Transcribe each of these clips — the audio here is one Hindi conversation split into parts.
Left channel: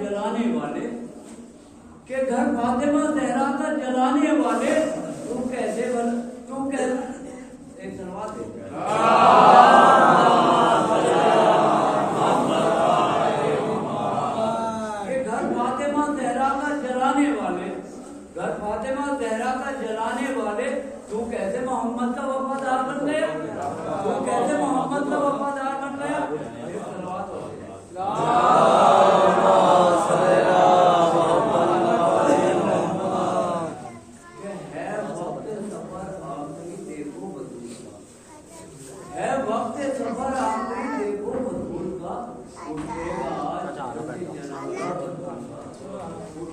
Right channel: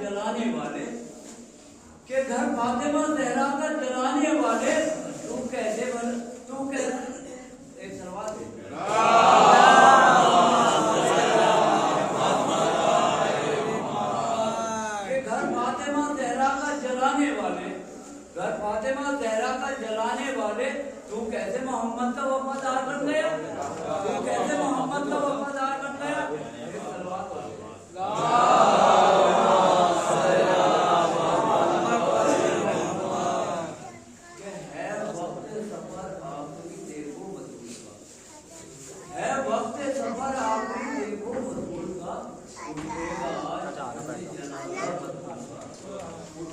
जलाने वाले के घर फातिमा जहरा का जलाने वाले तू कैसे एक सलवात दे के घर फातिमा जहरा का जलाने वाले घर फातिमा जहरा का जलाने वाले तू कैसे मोहम्मद का वफादार बन गया तू कैसे मोहम्मद का वफादार बन गया एक सलवात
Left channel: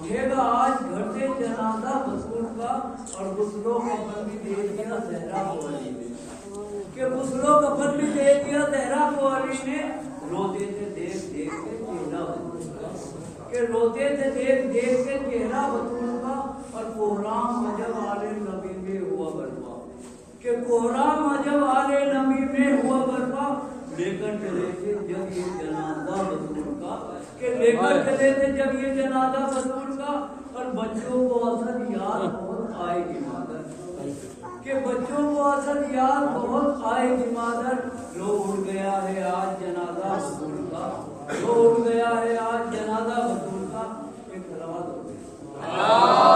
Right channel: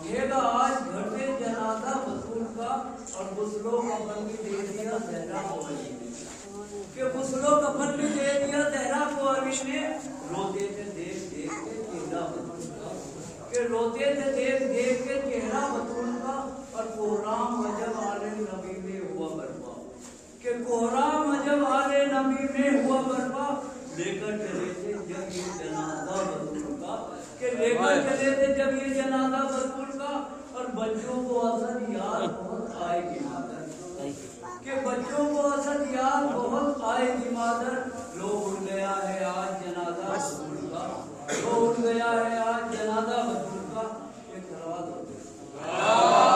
उठेगा आज घर से जनाजा वसूल का और गुस्लो कफन भी दे दिया जहरा को अली ने कि गुस्लो कफन भी दे दिया जहरा को अली ने रोते थे देख देख के चेहरा वसूल का कि रोते थे देख देख के चेहरा वसूल का और कोहराम अजब आले नबी में हुआ बर्पा कि कोहराम अजब आले नबी में हुआ बर्पा लेकर चले थे जब ये जनाजा वसूल का कि लेकर चले थे जब ये जनाजा वसूल का और बच्चों को असद याद बहुत आएगी मादर कि बच्चों को असद याद बहुत आएगी मादर जो उड़ गया है आज जनाजा वसूल का जो उड़ गया है आज जनाजा वसूल का एक सलवात हो गई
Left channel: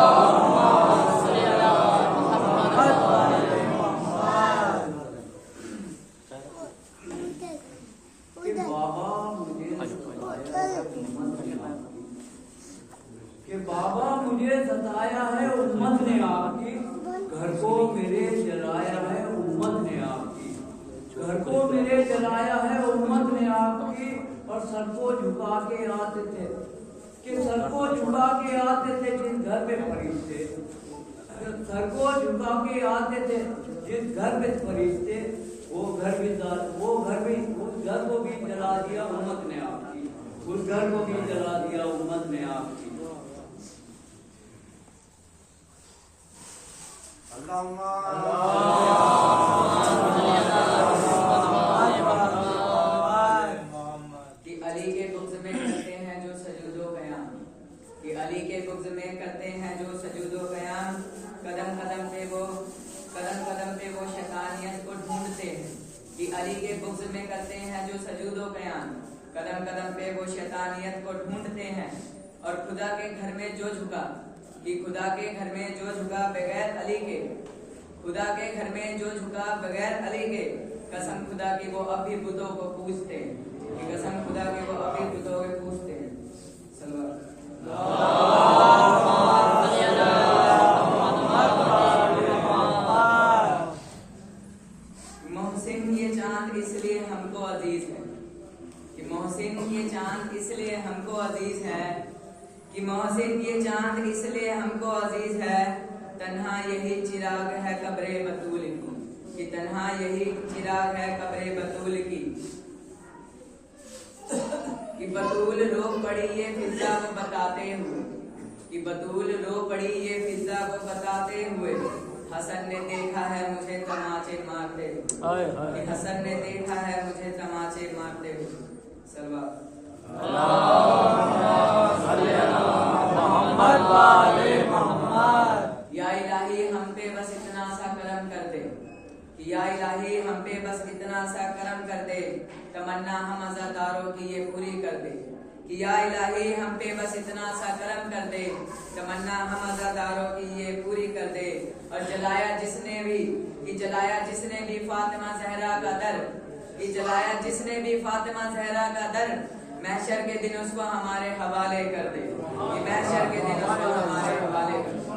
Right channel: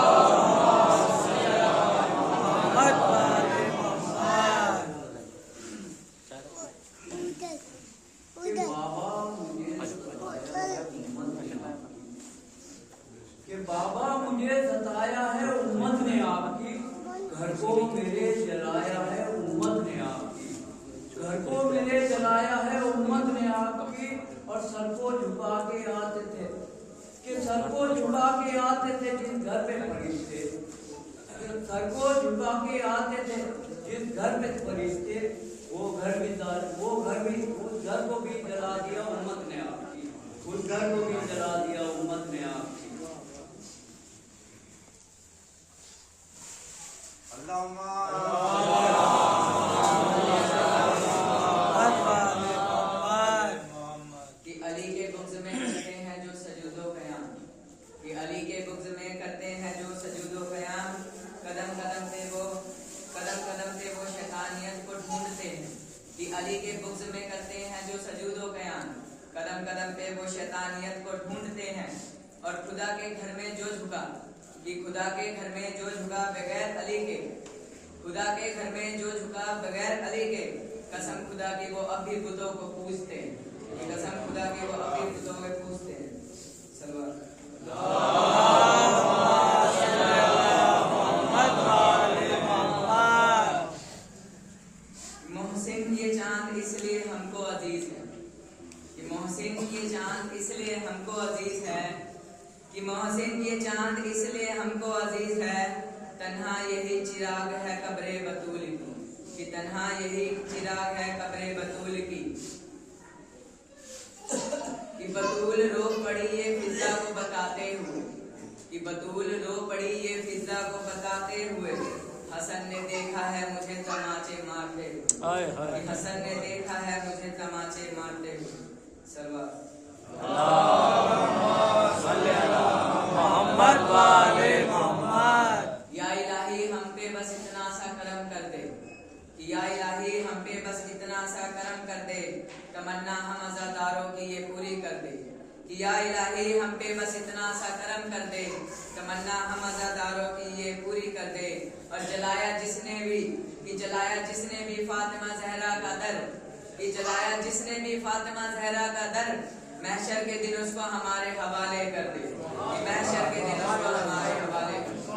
बाबा मुझे सताया है उम्मत ने आपकी घर को मेरे जलाया है उम्मत ने आपकी घर को मेरे जलाया है उम्मत ने आपकी और सर को झुका के आते थे कि सर को झुका के आते थे जिस घर में फरिश्ते सर को झुका के आते थे जिस घर में फरिश्ते वो घर भी उस घर को भी जला दिया उम्मत ने आपकी उस घर को भी जला दिया उम्मत ने आपकी कि अली के बुग़्ज़ में करते हैं जो सजूदो क़याम कि अली के बुग़्ज़ में करते हैं जो सजूदो क़याम कदम कदम पे वो शैतानियत को ढूंढते हैं कि अली के बुग़्ज़ में करते हैं जो सजूदो क़याम कदम कदम पे वो शैतानियत को ढूंढते हैं और खुदा के घर में जो झुका कि खुदा के घर में जो झुका बगैर अली के खुदा के घर में जो झुका बगैर अली के कसम खुदा की वो अब भी बुतों को पूजते हैं कि कसम खुदा की वो अब भी बुतों को पूजते हैं मोहसिन ये चांद इसलिए हमको अजीज है कि मोहसिन ये चांद इसलिए हमको अजीज है कि मोहसिन ये चांद इसलिए हमको अजीज है तन्हा यही चिराग है कब्रे बतूल की कि तन्हा यही चिराग है कब्रे बतूल की कि बतूल रो पड़ी ये फिजा को बताते हुए कि बतूल रो पड़ी ये फिजा को बताते हुए हसन ने देखा है मुझे तमाचे मारते हुए कि हसन ने देखा है मुझे तमाचे मारते हुए सलवा मोहम्मद वाले मोहम्मद। या इलाही हम पे बस इतना सा करम कर दे, या इलाही हम पे बस इतना सा करम कर दे, तमन्ना हम अज़ादारों की ये पूरी कर दे। या इलाही हम पे बस इतना सा करम कर दे, तमन्ना हम अज़ादारों की ये पूरी कर दे। और जलाया जिसने भी फातिमा ज़हरा का दर, जलाया जिसने भी फातिमा ज़हरा का दर, महशर के दिन उसको हमारे हवाले कर दे, महशर के दिन उसको हमारे हवाले कर दे।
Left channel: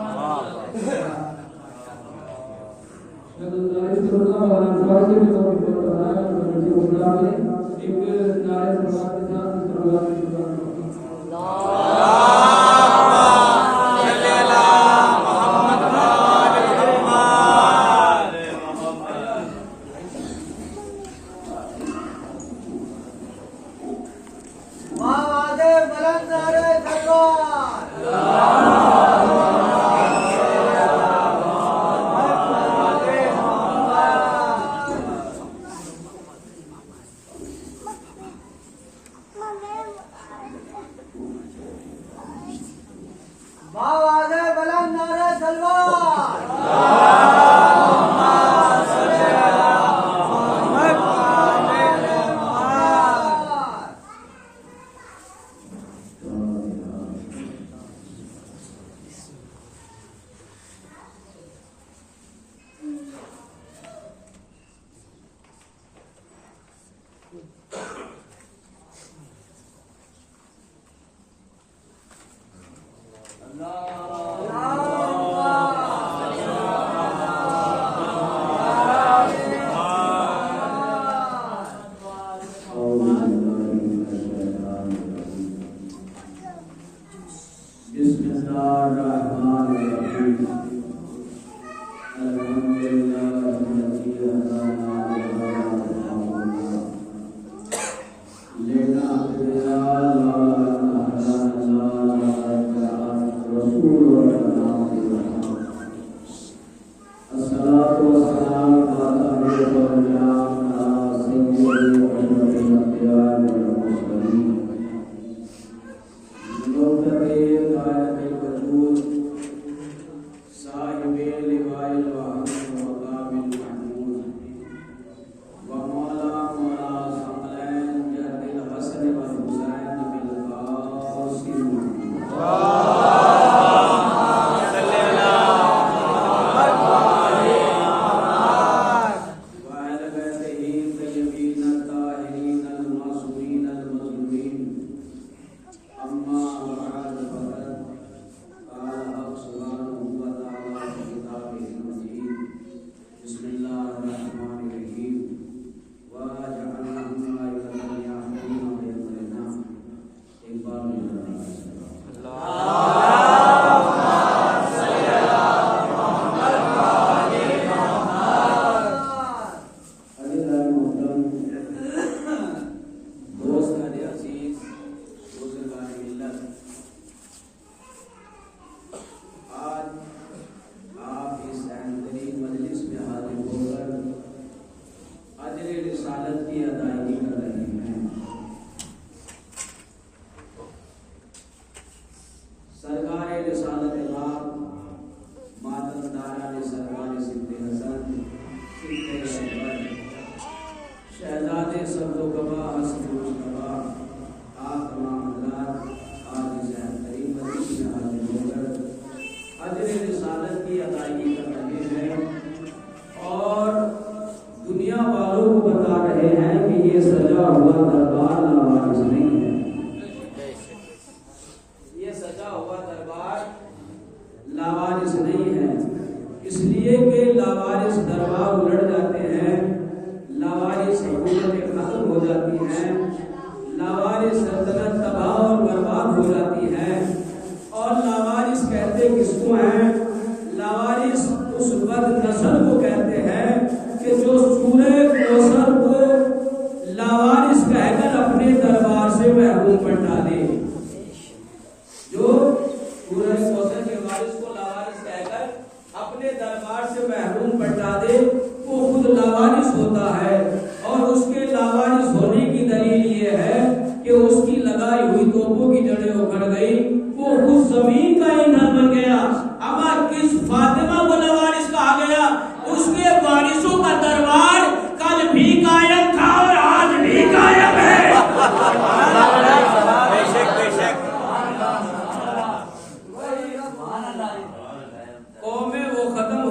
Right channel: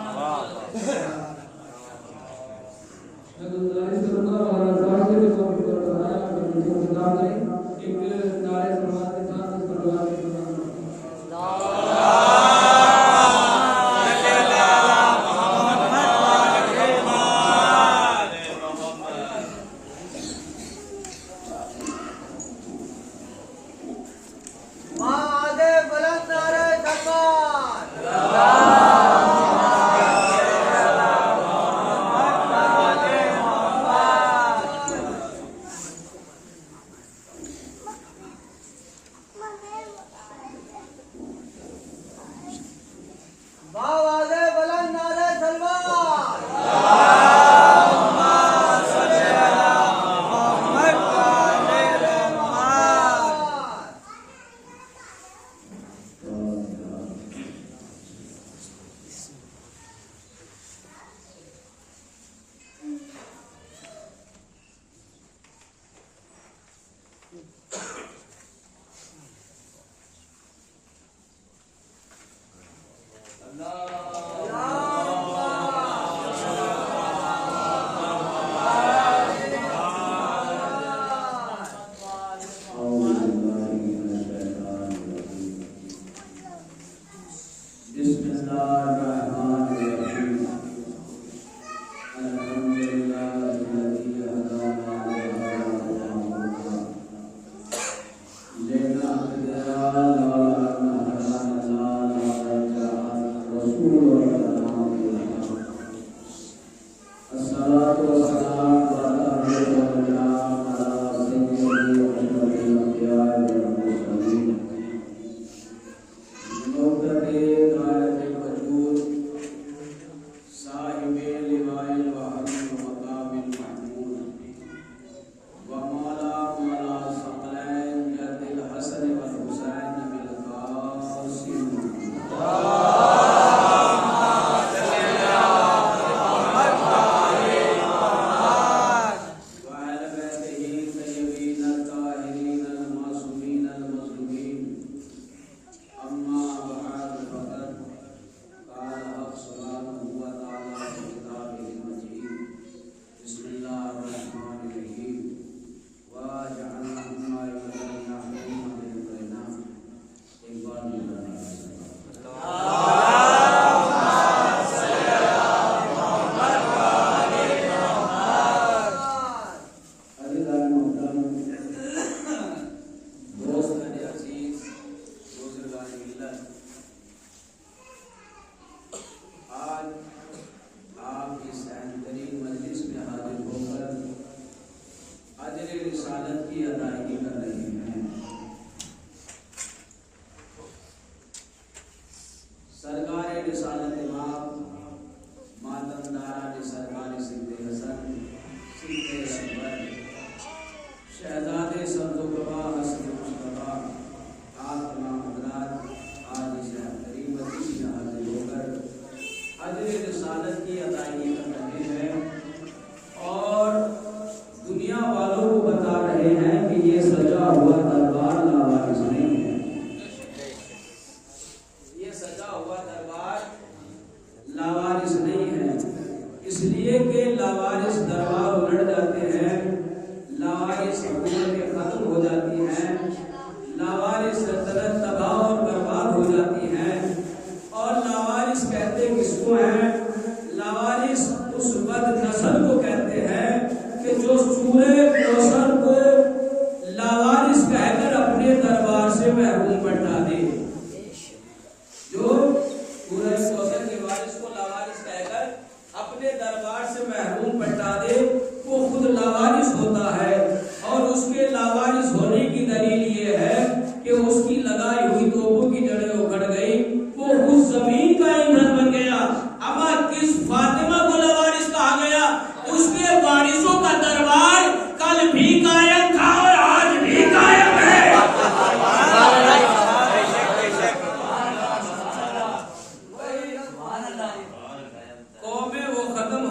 कि उसकी लगाई हुई तोपों की जड़ें उखड़ गई, वो उस जमीन का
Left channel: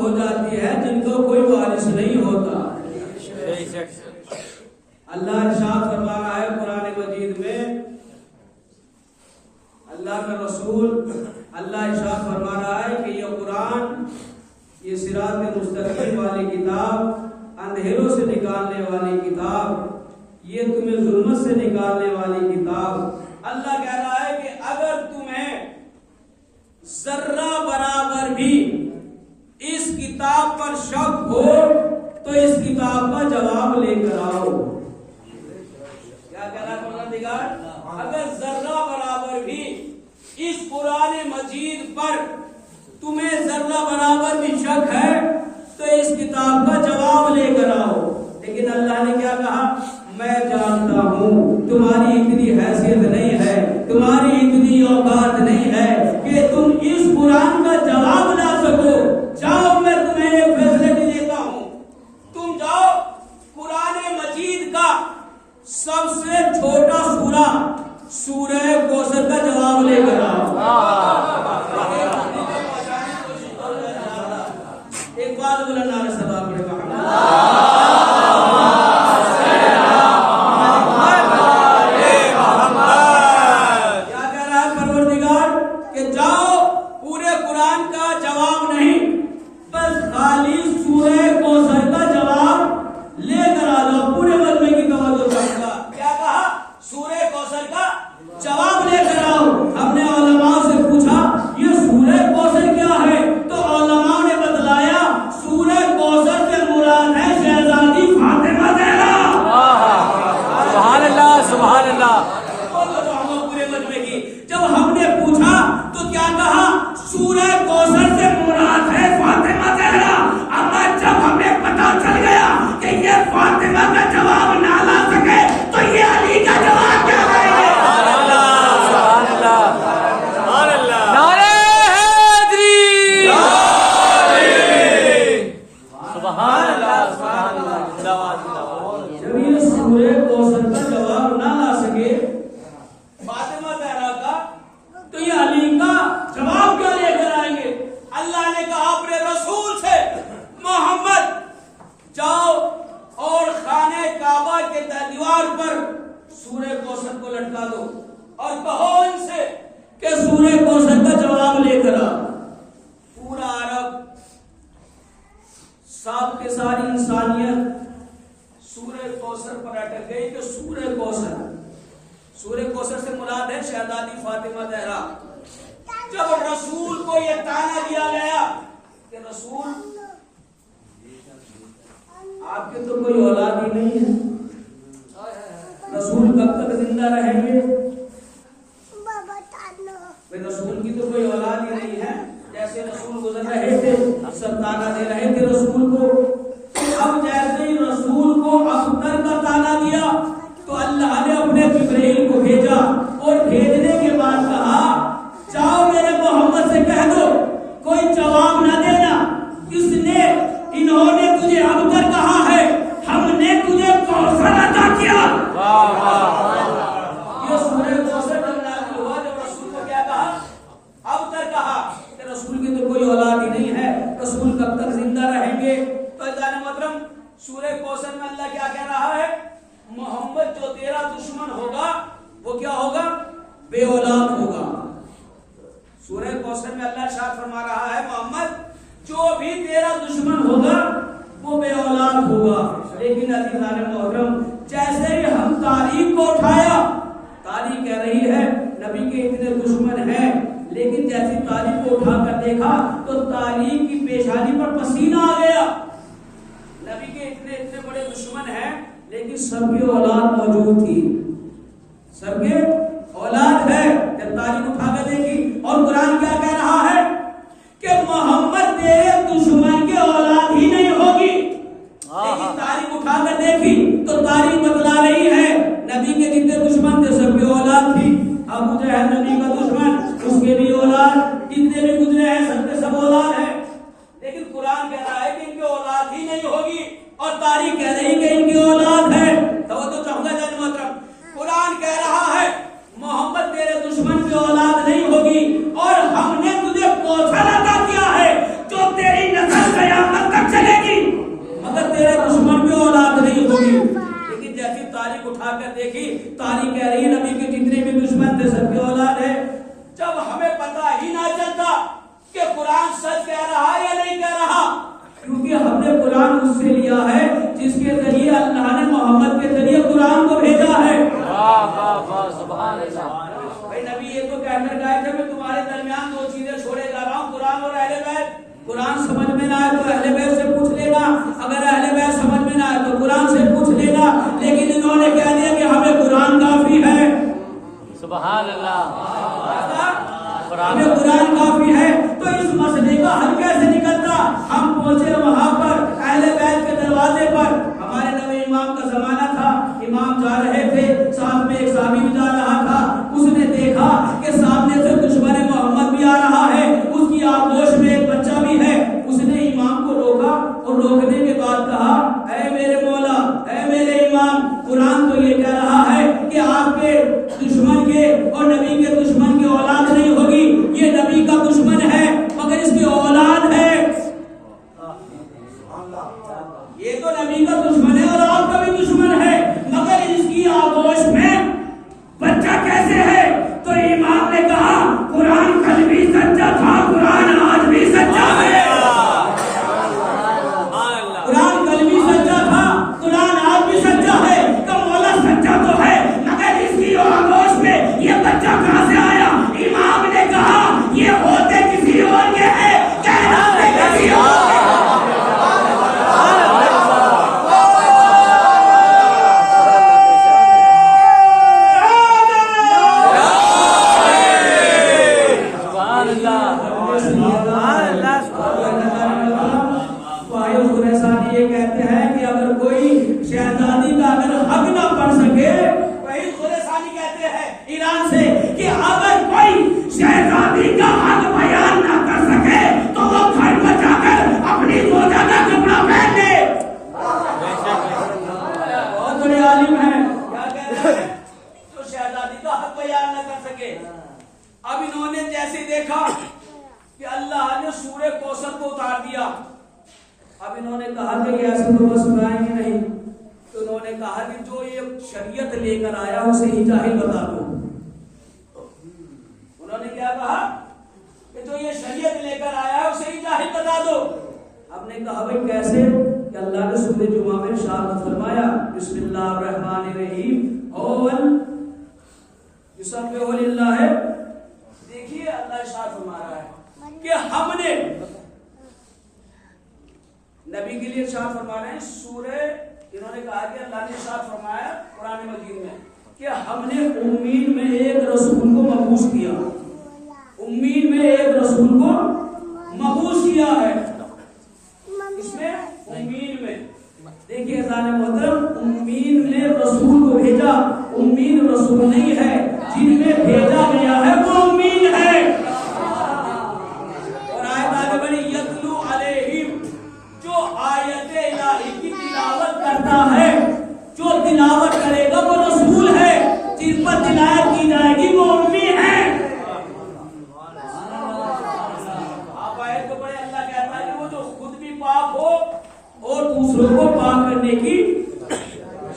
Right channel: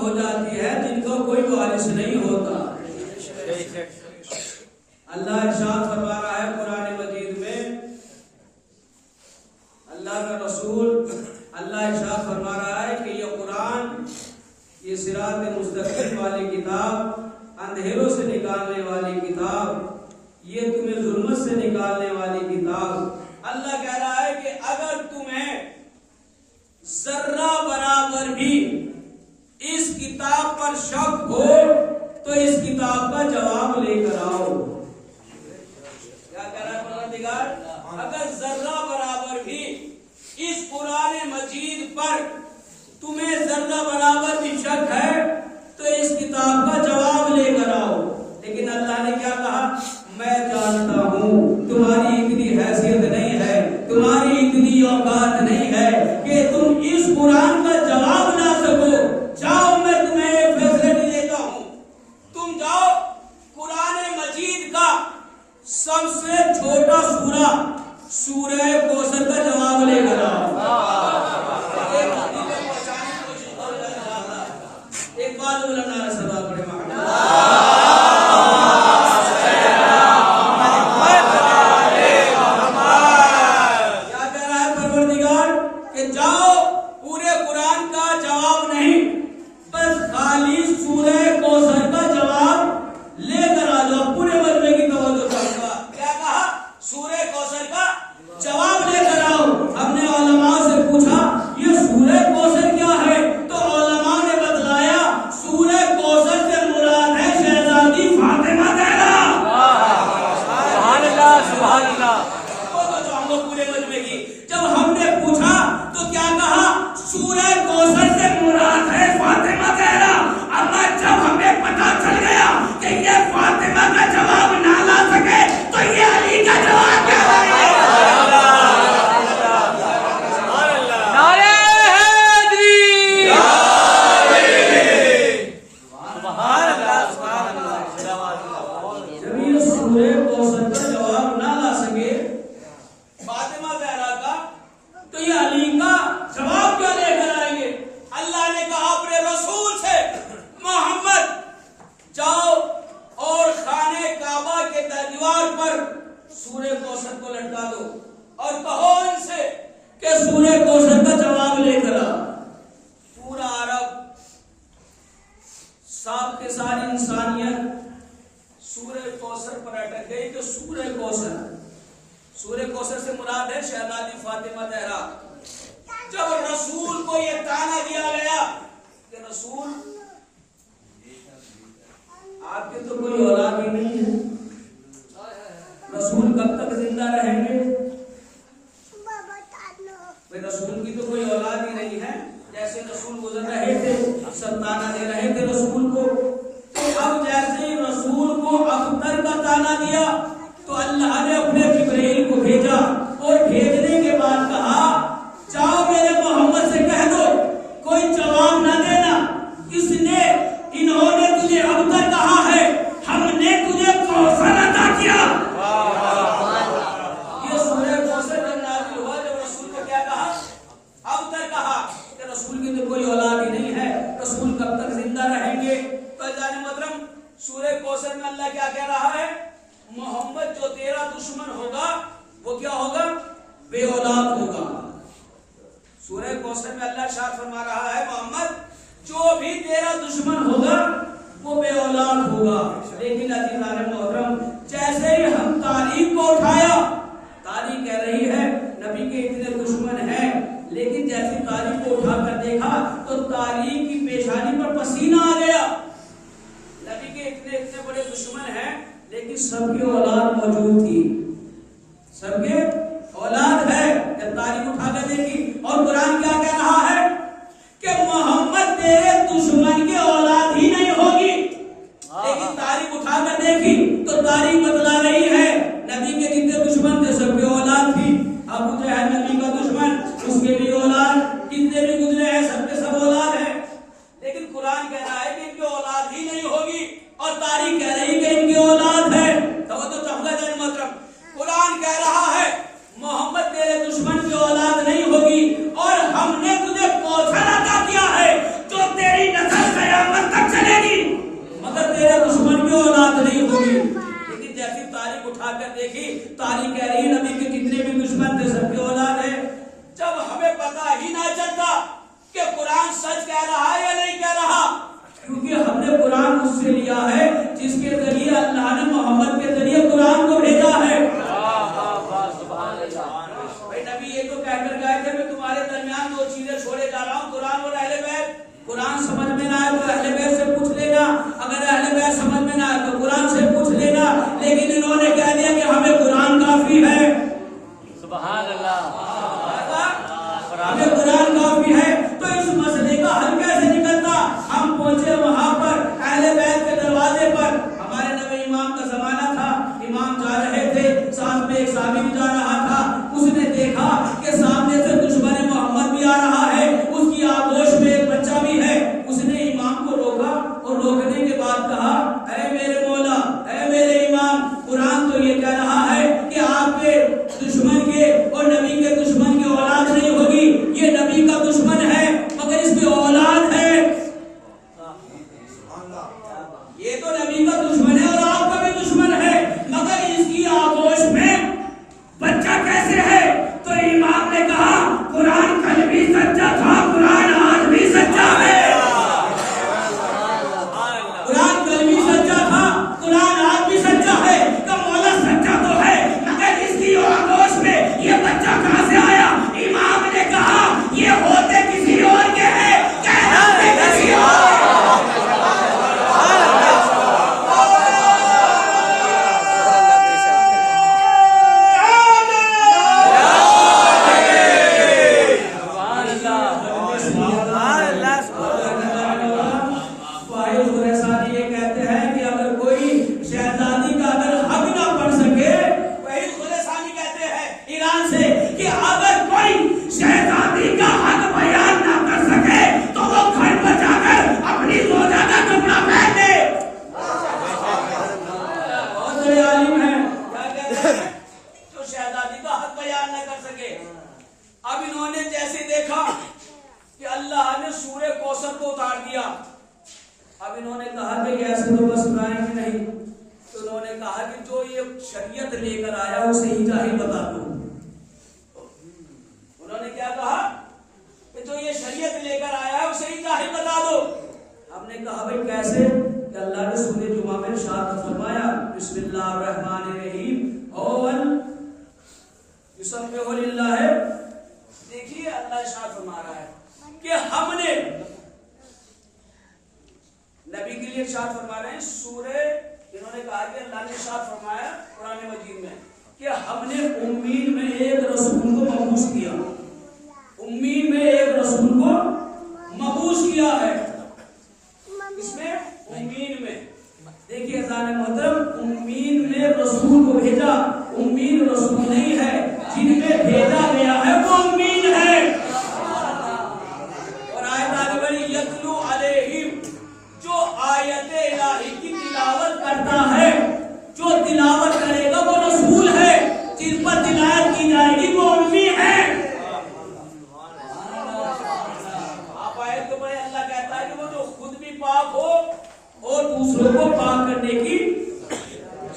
हो जाती है जिनको कोई वारिस नहीं होता। अल्लाह इरशाद फरमा रहा है कुरान मजीद में, अल्लाह का रसूल अल्लाह इरशाद फरमा रहा है कि ये कुरान, ये सिरात मुस्तकीम वाली किताब, अंधेरों से निकालने वाली किताब, ये तुम्हें जुल्मत से निकालने वाली किताब। अल्लाह कह रहा है कि अगर तुम्हें जर्रा बराबर भी इस किताब पर शक हो तो इस किताब का जवाब लेकर आओ। क्या कह रहा है परवरदिगार? अगर जर्रा बराबर भी इस कुरान मजीद पर तुम्हें जर्रा बराबर भी शक है तो इस किताब का जवाब लेकर आओ। लेकिन अल्लाह ने क्या कहा? मैं जानता हूं तुम्हारी इतनी हैसियत नहीं है, तुम्हारी इतनी औकात नहीं है कि तुम इस कुरान का जवाब ला सको। जाओ, मैं तुम्हें एक फैसिलिटी देता हूं, तुम जाओ कुरान मजीद का सबसे छोटा सूरा सूरह कौसर का जवाब लेकर आओ। एक बात बोला, नारा सलाम पड़े जवाब लेकर आओ। हमने उलमा से पूछा ये सूरह कौसर क्या है, तो उलमा ने बतलाया सूरह कौसर से मुराद है शहजादी फातिमा ज़हरा। सुभान अल्लाह, सुभान अल्लाह। तो हम लोग पूरे मजमे की जब हमने पूछा तो क्या कहा? सूरह कौसर से मुराद है फातिमा ज़हरा। अम्मा जब हमें पता चल गया कि ये फातिमा का जवाब ना ला सके तो ये अली का जवाब क्या लाएंगे? जब ये सूरह कौसर का जवाब ना ला सके फातिमा ज़हरा का, तो ये अली का जवाब क्या लेकर आएंगे? अल्लाह ने कहा अपने रसूल से, मोहम्मद जाओ और खाने काबा के दीवार पर सूरह कौसर को लटका दो और कहो इनसे कि सूरह कौसर का जवाब लेकर आ। पूरा अरब, साथ के सारी इंसानियत सूरह कौसर पर अटक गई कि सूरह कौसर से मुराद है शहजादी फातिमा ज़हरा। जब रसूल को यह ताना दिया गया कि रसूल आपके तो कोई औलाद ही नहीं है, रसूल कब तक जिंदा रहेंगे? भाई रसूल की तो कोई औलाद ही नहीं है। जैसे रसूल गुजर रहे थे सब ताना दे रहे थे रसूल को। अब जैसे ही रसूल को अख्तर का ताना दिया तो अल्लाह ने अपने जिब्रील को भेजा और भेजने के बाद कहा जाओ मेरे मोहम्मद से कह दो कोई जवाब ना देना, इन्होंने तुझे अख्तर कहा है, हमने तुझे कौसर अता किया। ये सूरह कौसर जब नाज़िल हुआ, जब रसूल को क्या कहा? अख्तर कहा कि रसूल की तो कोई औलाद ही नहीं है, रसूल कब तक जिंदा रहेंगे? तो जाने मोहतरम सूरह कौसर में अल्लाह क्या कह रहा है? मोहम्मद जो तेरा दुश्मन होगा वो क्या होगा? बे औलाद होगा। सूरह कौसर में अल्लाह इरशाद फरमा रहा है मोहम्मद जो भी तेरा दुश्मन होगा वो बे औलाद होगा। लेकिन अज़ीज़ान मोहतरम जैसे ही हम तारीख को उठाया, तारीख कह रही है नबी के इतने दुश्मन हैं, लेकिन जैसी तारीख को उठाकर देखा तो तारीख की पेशानी पर पसीना आ गया। नबी के इतने बड़े दुश्मन हैं लेकिन सबके औलाद मौजूद थी, सबके औलाद है। जब तारीख उठाकर देखी और कुरान क्या कह रहा है कि मोहम्मद तेरे दुश्मन के औलाद ही नहीं होगी, लेकिन तारीख उठाकर देखी तो तारीख बतला रही है नबी के जितने दुश्मन थे सबके औलाद थी। अबू जहल नबी का दुश्मन, उसके भी औलाद, जितने भी गुजरे हैं सबके सब औलाद है। लेकिन कुरान कह रहा है कि इनकी औलाद ही नहीं होगी और तारीख कह रही कि इनकी औलाद है। तो चाहूंगा जान मोहतरम, कुरान कह रहा है मोहम्मद तेरे दुश्मन की औलाद नहीं होगी और हमने तुझे कौशल अता किया है जो तेरी नस्ल कयामत होगी। लेकिन जैसी तारीख उठाकर देखी, तारीख कह रही नबी के जितने भी दुश्मन थे सबकी औलाद है। जब हमें पता ही ना चलता कि कुरान सच कह रहा है या नहीं कह रहा, क्योंकि हमने कुरान उससे लिया है जिसके जरिए अल्लाह ने मोहम्मद के जरिए कुरान को भेजा है। भाई नबी ये तो कहकर गए थे मैं तुम्हारे दरमियान दो चीजें छोड़े जा रहा हूँ, कुरान और अहले बैत। कुरान समझ में ना आए तो अहले बैत से पूछ लेना, अगर अहले बैत समझ में ना आए तो कुरान से पूछ लेना। लेकिन इन्होंने कह दिया कि हमें कुरान काफी है। सुभान अल्लाह, हमें कुरान काफी है। तो इस मसले का हल कैसे निकलता? हम पहुंचे वहां पर अहले बैत के दरवाजे पर, हमारे नबी इमाम का जमाना था, इमाम जा रहे थे, साथ में एक साहबी भी जा रहा था। उसने देखा कि सामने से दुश्मन मोहम्मद भी आ रहा है, उसकी आगोश में एक बच्चा भी है। उसने इमाम को रोका और रोकने के बाद कहा, ऐ मेरे मौला, ऐ मेरे इमाम, कुरान तो ये कह रहा है कि आपके दुश्मन के और नबी के दुश्मन की औलाद नहीं होगी। ये नबी का दुश्मन है मगर इसकी औलाद है। ये तो नबी का दुश्मन है और आपका भी दुश्मन है, मगर इसकी आगोश में बच्चा कैसे है? तो इमाम ने कहा, कुरान कल भी सच्चा था, कुरान आज भी सच्चा है। कुरान कल भी सच्चा था, कुरान आज भी सच्चा है। तो मौला सच्चा तो है, मगर इसकी आगोश में ये बच्चा कहां से आया? इमाम ने कहा, ये होते किसी और के हैं, कहलाते किसी और के। ये कहते हैं कि अगर कोई शहजादी का अगर हक ना पढ़ सके, वही खुलेसानी कहते हैं ईरान से कि अगर कोई शहजादी का हक बयान ना कर सके तो वो घर पर जाकर अपनी रोजा का कपड़ा पहन ले। बहुत बड़े आलिम हैं, क्या कहते हैं? जो शहजादी का हक बयान ना कर सके। अब इन्होंने जैसे देखा कि अल्लाह ने सूरे कौसर को उतार दिया, अब इन्होंने कहा कि ऐसे तो बस गाएंगे नहीं, तो उन्होंने कहा कि जो ये शरीयत लेकर आया उसे ही जाहिल बता दो। उन्होंने क्या कहा कि जो ये शरीयत लेकर आया है उसे ही जाहिल बता दो। हमने कहा भाई कैसे? कि अल्लाह ने सूरह जुमा में इरशाद फरमाया, बिस्मिल्लाहिर्रहमानिर्रहीम, युसब्बिहु लिल्लाह। देखिए अल्लाह इरशाद फरमा रहा है कि हमने नबी के लिए इरशाद फरमा रहे हैं सूरह, इन्होंने कहा कि अल्लाह ने इरशाद फरमाया कुरान मजीद में कि हमने उम्मीद में एक रसूल को मबूस किया, उम्मीद में एक रसूल को मबूस किया है। इसमें उम्मीद में देखिए अज़ान मोहतरम, उम्मीद में रसूल को भेजा, उम्मीद रसूल नहीं है, जिनमें भेजा गया है वो उम्मीद है। और आयत आगे बढ़ी, यतलू अलैहिम, जो आयते इलाही की तिलावत करता है, जो तिलावत करेगा वो रसूल है, जिन पर तिलावत की जाएगी वो उम्मी है। आप आयत को पढ़े, अल्लाह कहता है कि वो जो खुद भी पाक हो और दूसरों को पाक करने की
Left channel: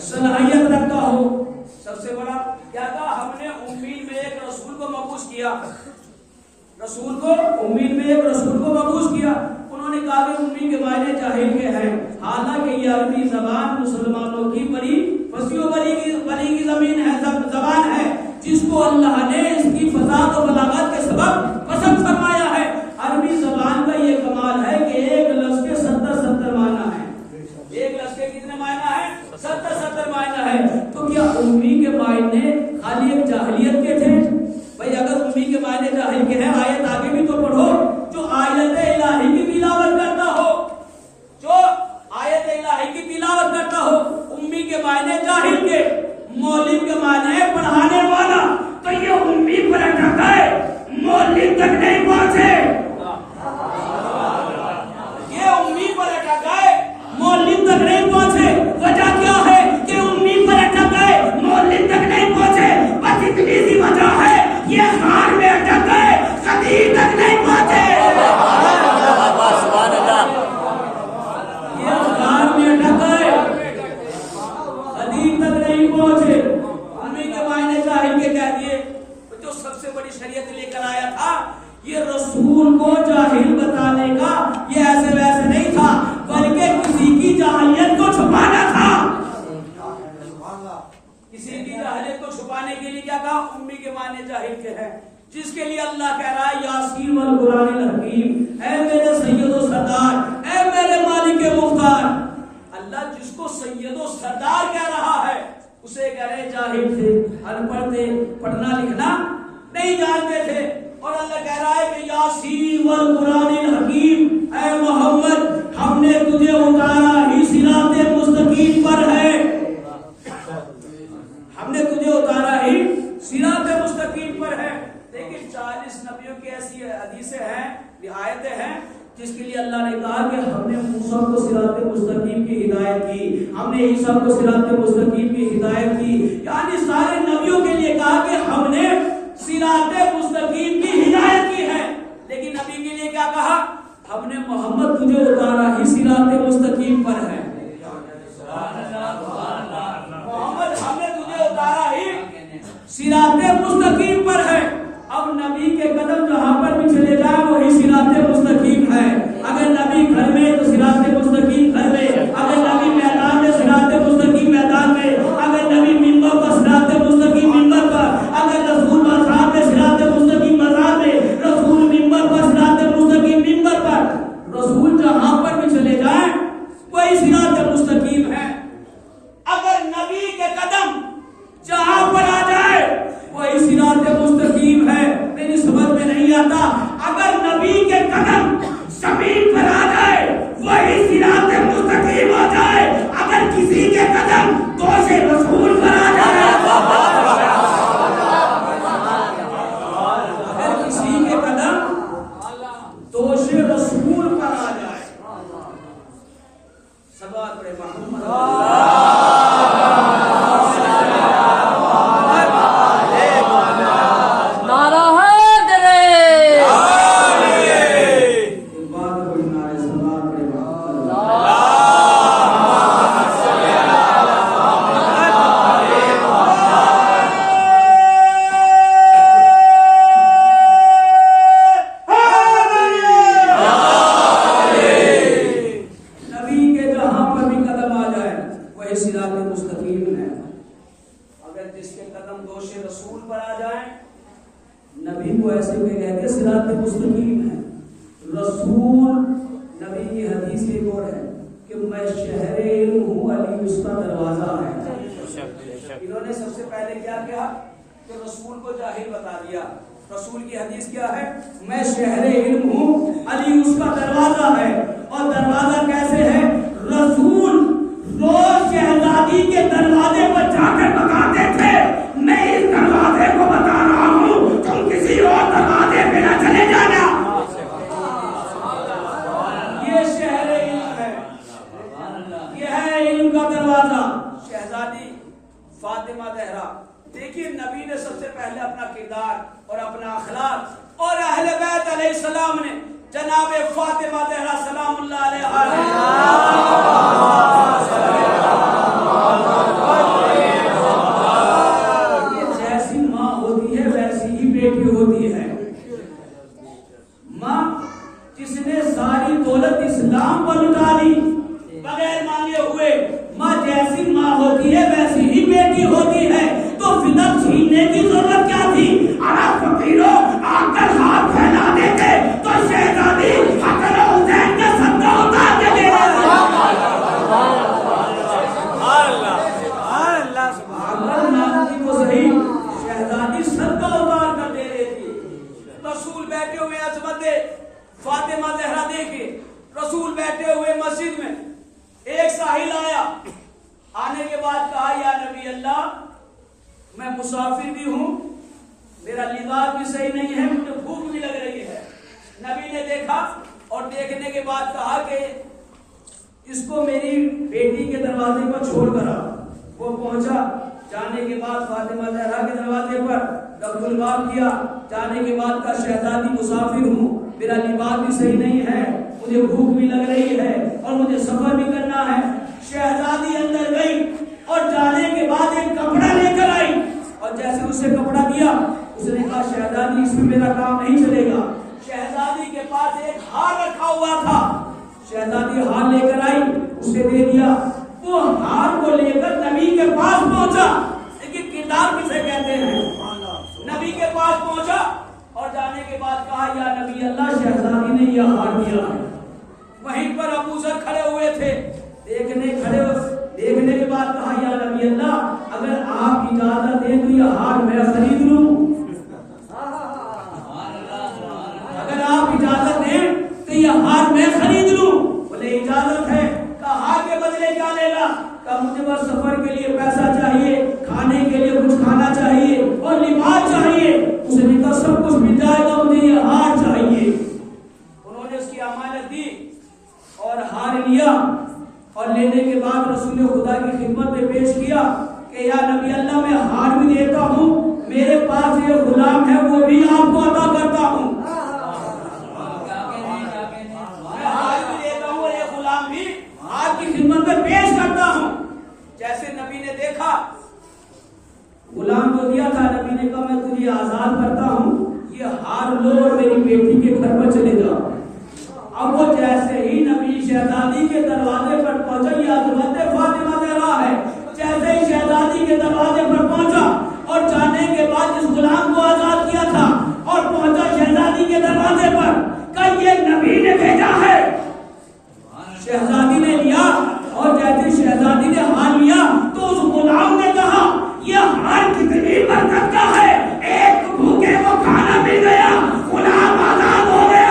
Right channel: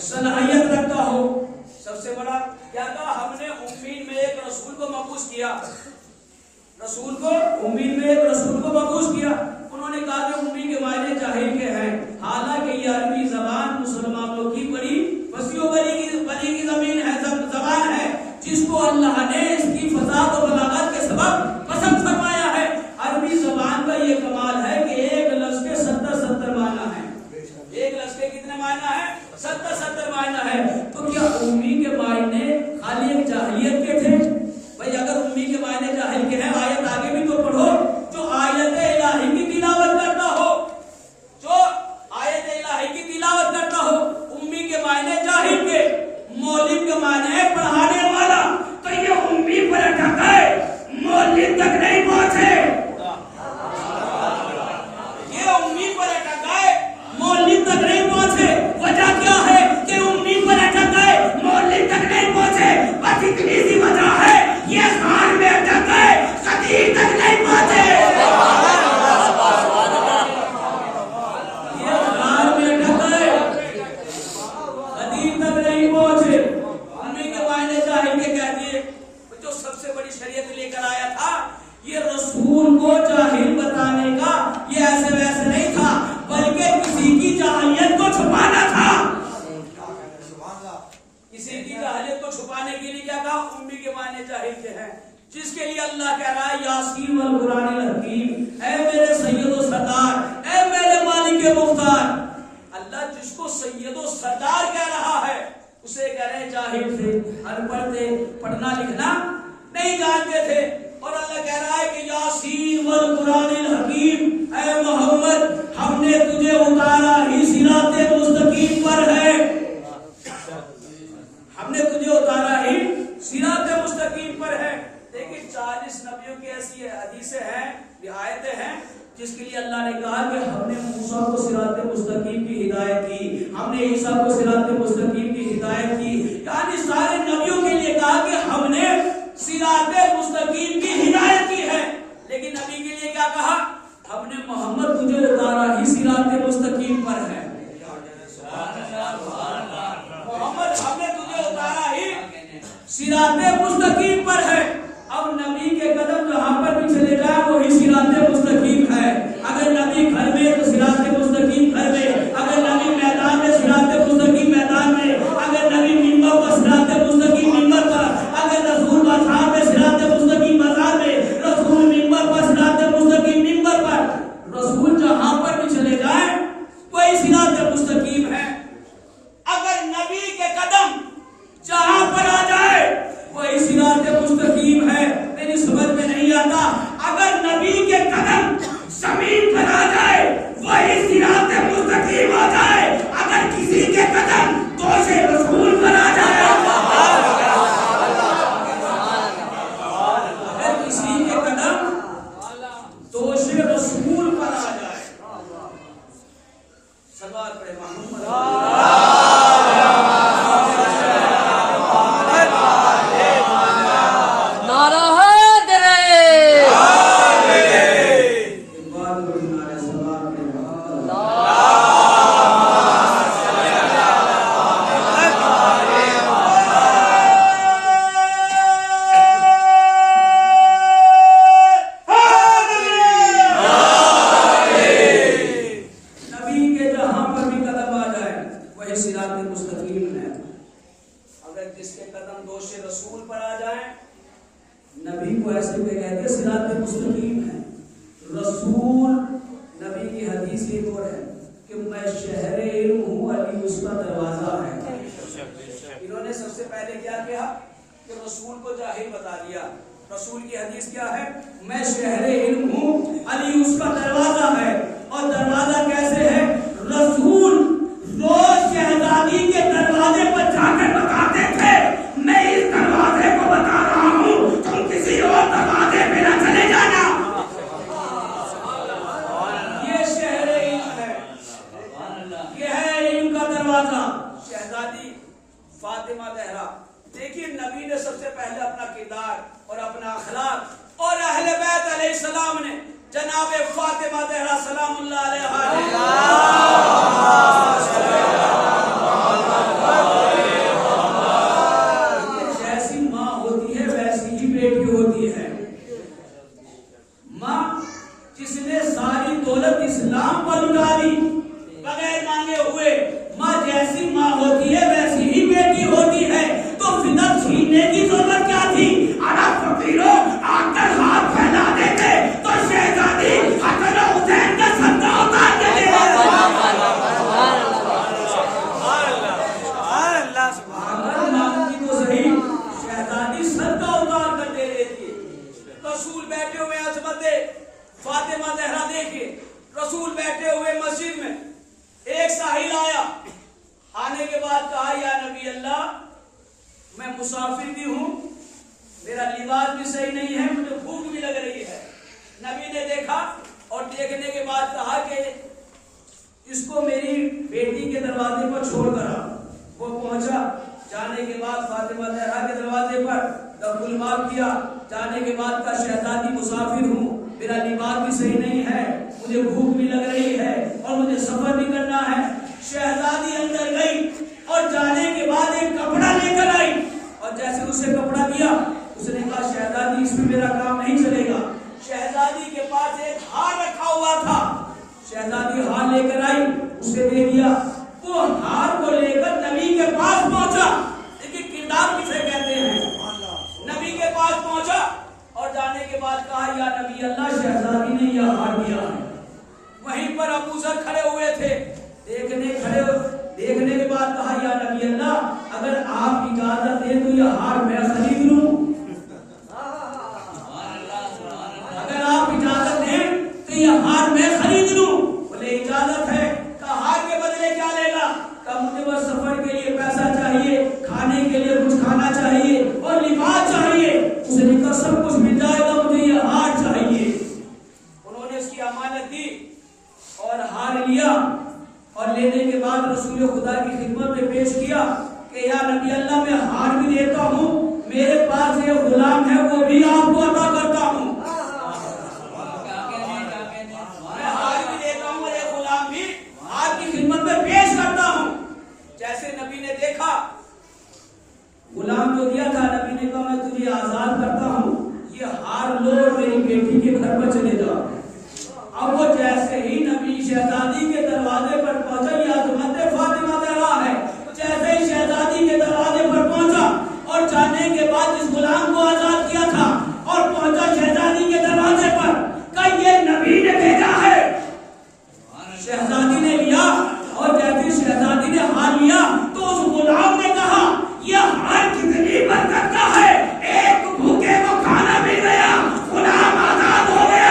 सलाहियत रखता हो। सबसे बड़ा क्या था? हमने उम्मीद में एक रसूल को मबूस किया, रसूल को उम्मीद में एक रसूल को मबूस किया। उन्होंने कहा कि उम्मी के मायने जाहिल के हैं, हालांकि ये अरबी जबान मुसलमानों की बड़ी फसीह बली की जमीन है, जबान है, जिसको अल्लाह ने इसकी फसाद और बलागत के सबब पसंद फरमाया है। अरबी जबान का ये कमाल है कि एक लफ्ज के 70 मायना है। एक लफ्ज के कितने मायना है? 70 मायना है। तो क्या उम्मी के मायने खाली एक जाहिलियत के थे? भाई अगर उम्मी के मायने जाहिल के हैं, आयत आगे भी तो पढ़ो, जो आयत इलाही की तिलावत करता हो, जो आयत इलाही की तिलावत करता हो, उम्मी के मायने जाहिल के, मौलिम के मायने पढ़ाने वाला। तो ये उम्मी पर अटक गए, मौलिम तक नहीं पहुंचे। ये उम्मी पर अटक गए, मौलिम तक नहीं पहुंचे। वजह क्या है कि उम्मी पर अटक गए, मौलिम तक नहीं पहुंचे? बस इतनी सी वजह है, ये खान में अटक गए, खतीब तक नहीं पहुंचे। ये खान में अटक गए, ये रसूल को जाहिल बताने का ये ऐसे वैसे नहीं था, बल्कि किसी की जाहिलियत को छुपाना था। किसी की जाहिलियत को छुपाने के लिए क्या कहा? उम्मी के माने जाहिल के हैं, जिसके लिए अल्लाह कह रहा है यासीन वल कुरानिल हकीम, ऐ मेरे सैयदो सरदार, ऐ मेरे मालिक मुख्तार। अल्लाह जिसको सैयदो सरदार कह रहा है उसे कह रहे जाहिल थे, अनपढ़ थे, पढ़ना लिखना नहीं जानते थे। और अल्लाह कह रहा है कि यासीन वल कुरानिल हकीम, ऐ मोहम्मद हमने तुझे उतारा ही सिराते मुस्तकीम पर है, हमने तुझे उतारा ही सिराते मुस्तकीम पर है। देखिए 40 नबियों की ऐसी हदीसें हैं, रियायतें हैं, जिसके लिए अल्लाह ने कहा कि हमने मूसा को सिराते मुस्तकीम की हिदायत की, हमने ईसा को सिराते मुस्तकीम की हिदायत की, यानी सारे नबियों के लिए कहा कि हमने सिराते मुस्तकीम की हिदायत की है। लेकिन नबी के लिए क्या कहा? हमने मोहम्मद तुझे उतारा ही सिराते मुस्तकीम पर है। मोहम्मद हमने तुझे उतारा ही सिराते मुस्तकीम पर है। अब नबी के कदम जहां पर भी चले जाए वही सिराते मुस्तकीम है। अगर नबी घर में तो सिराते मुस्तकीम घर में, अगर नबी मैदान में सिराते मुस्तकीम मैदान में, अगर नबी मिंबर पर सिराते मुस्तकीम मिंबर पर, अगर रसूल बाजार में सिराते मुस्तकीम बाजार में, रसूल मिंबर पर सिराते मुस्तकीम मिंबर पर। रसूल जहां पर भी चले जाए वही सिराते मुस्तकीम है। अगर नबी के कदम जहां पर आ जाए वही सिराते मुस्तकीम है। मेरी समझ में नहीं आता, अगर नबी के कदम जमीन पर आ जाए वही सिराते मुस्तकीम आ जाए, अगर किसी के कदम दोषे रसूल पर आ जाए, अगर किसी के कदम दोषे रसूल पर आ जाए, सवाल पड़े मोहम्मद रसूल की हदीस क्या है? मैं शहरे इल्म हूँ, अली उसका दरवाजा है। और दरवाजा कैसे है? रसूल रोज शहजादी के दरवाजे पर जाकर बताते थे मैं इस दरवाजे को बता रहा हूँ, तुम किसी और दरवाजे पे ना चले जाना। ये शहरे इल्म है, ये है इल्म का दरवाजा। शहजादी फातिमा ज़हरा, देखिए नबी ने सबसे पहले अपना किरदार और अपना अखलाक और अहले बैत अलैहिस्सलाम ने जनाब फातिमा ज़हरा सलामुल्लाह अलैहा जैसी माँ होती है वैसी ही बेटी होती है। माँ जिसने सारी दौलत इस्लाम पर लुटा दी बगैर मांगे हुए, माँ जैसी माँ होती है वैसी ही बेटी होती है। तो फिदक छीनने की जरूरत क्या थी? अरब फकीरों आकर हाथ फैला देते तो शहजादी हसन हुसैन का सदका उतार के दे देते। अगर मांगती तो सही, शहजादी सदका उतार कर दे देती। रसूल बैठे हुए अजमत फातिमा ज़हरा, देखिए रसूल बैठे हुए मस्जिद में, एक साहिल आया, आने के बाद कहा या नबी अल्लाह मैं मुसाफिर भी हूँ, मेरा लिबास भी सही नहीं है, मुझे भूख भी लग रही है। नबी ने देखा और देखने के बाद कहा कि इसको मेरी बेटी के दरवाजे पर छोड़ कर आओ। वो पहुंचा, जाने के बाद फातिमा ज़हरा के दरवाजे पर दखुल बाब किया। जाने के बाद कहा शहजादी मुसाफिर हूँ, मेरा लिबास भी सही नहीं है, मुझे भूख भी लग रही है और मुझे सफर भी करना है। शहजादी अंदर गई और जाने के बाद एक कपड़ा लेकर आई और जैसे उसे कपड़ा दिया उसने कहा शहजादी इसमें मेरा काम नहीं चलेगा। शहजादी हार लेकर आई, उसे दे दिया। वो हार को लेकर नबी के पास पहुंचा। देखिए किरदार किसे कहते हैं। नबी के पास पहुंचा और जाने के बाद कहा, या नबी अल्लाह, शहजादी ने यह हार दिया है। वहीं पर अबू जर खड़े हुए थे, देखने के बाद कहा, या नबी अल्लाह, अगर आप इजाजत दें तो यह हार मैं खरीद लूं। अगर आप इजाजत दें तो यह हार मैं खरीद लूं। बोले इजाजत है। कहा हार के बदले क्या लेगा? कहा मुझे बस सफर के लिए पैसा चाहिए, खाने के लिए कुछ खाना चाहिए और लिबास चाहिए। उसने कहा सब कुछ मिल जाएगा, मुझे यह हार चाहिए। उन्होंने उसकी अमानत दी और हार लिया और लेने के बाद रसूल खुदा की खिदमत में पेश किया कि या नबी अल्लाह, मैं हार भी देता हूँ, मेरे पास ये गुलाम है वो भी आपको अता करता हूँ। मैं हार भी देता हूँ और ये गुलाम भी आपकी खिदमत में पेश करता हूँ। जैसे नबी ने देखा गुलाम जो दिया था, नबी ने कहा मैं तुझे आजाद करता हूँ, ये हार लो और मेरी बेटी के घर पर चले जाओ। अब वो जैसे ही नबी शहजादी के दरवाजे पर पहुंचा, ये अज़मत फातिमा ज़हरा है, जैसे ही शहजादी के दरवाजे पर पहुंचा और जाने के बाद जिस गुलाम को आजाद किया था और पहुंचा शहजादी के दरवाजे पर, कहा ये नबी ने भेजा है। शहजादी ने लिया और जैसे शहजादी ने हार लिया तो उस गुलाम ने कहा, यह हार कितनी बरकत का है, एक भूखे को खाना मिल गया, गुलाम आजाद हो गया।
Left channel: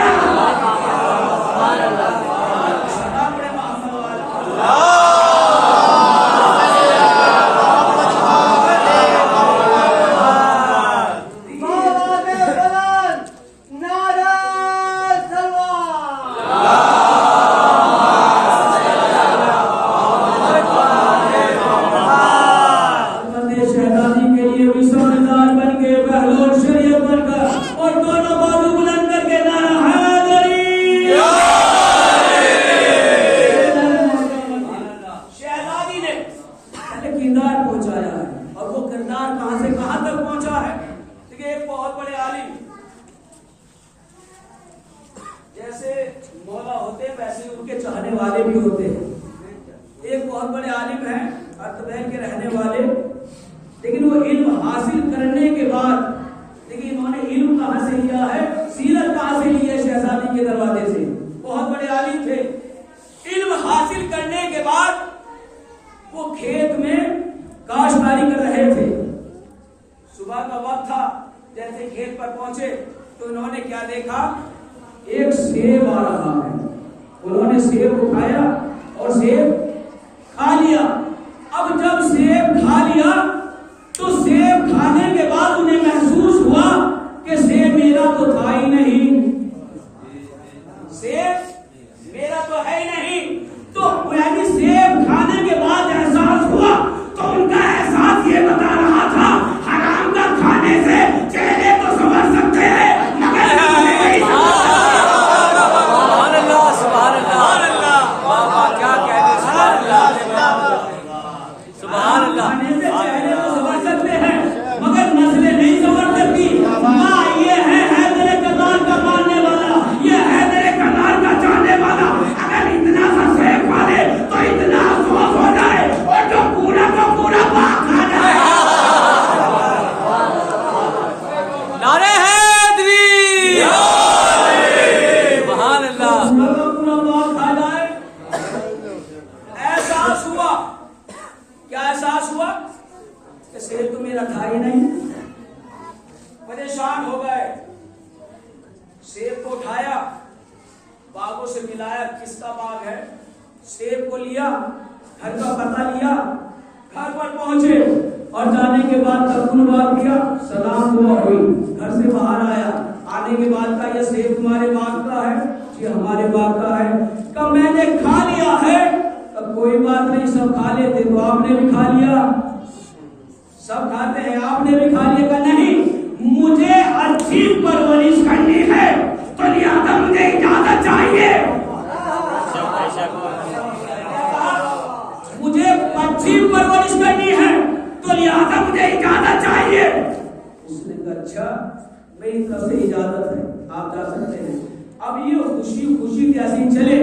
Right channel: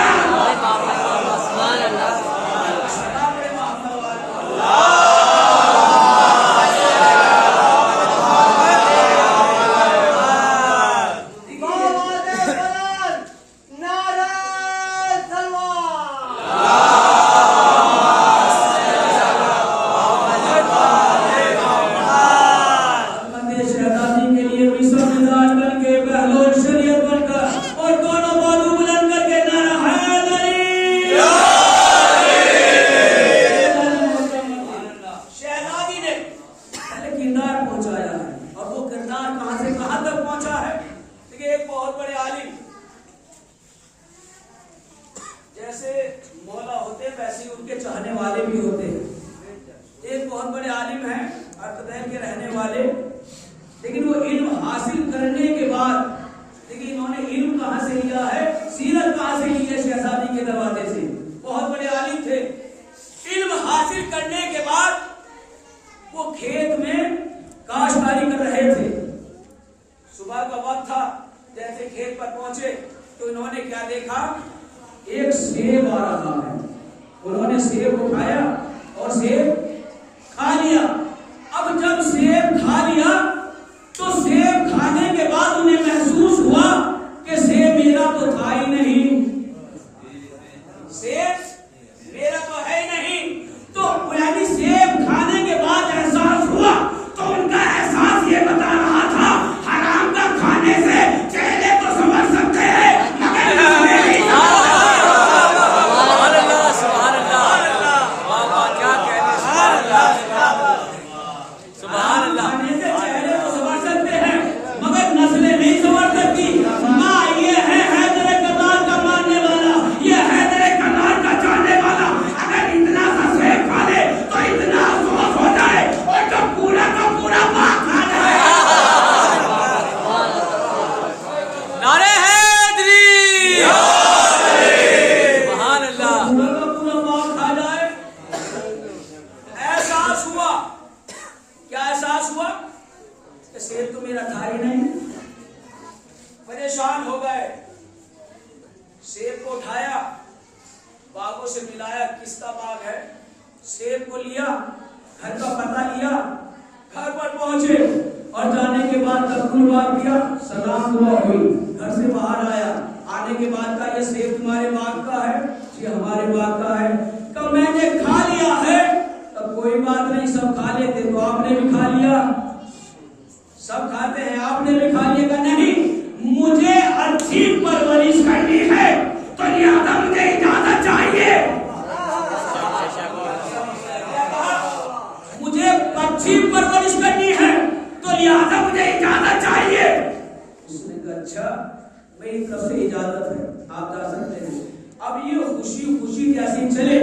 खुशी खुशी जैसी चले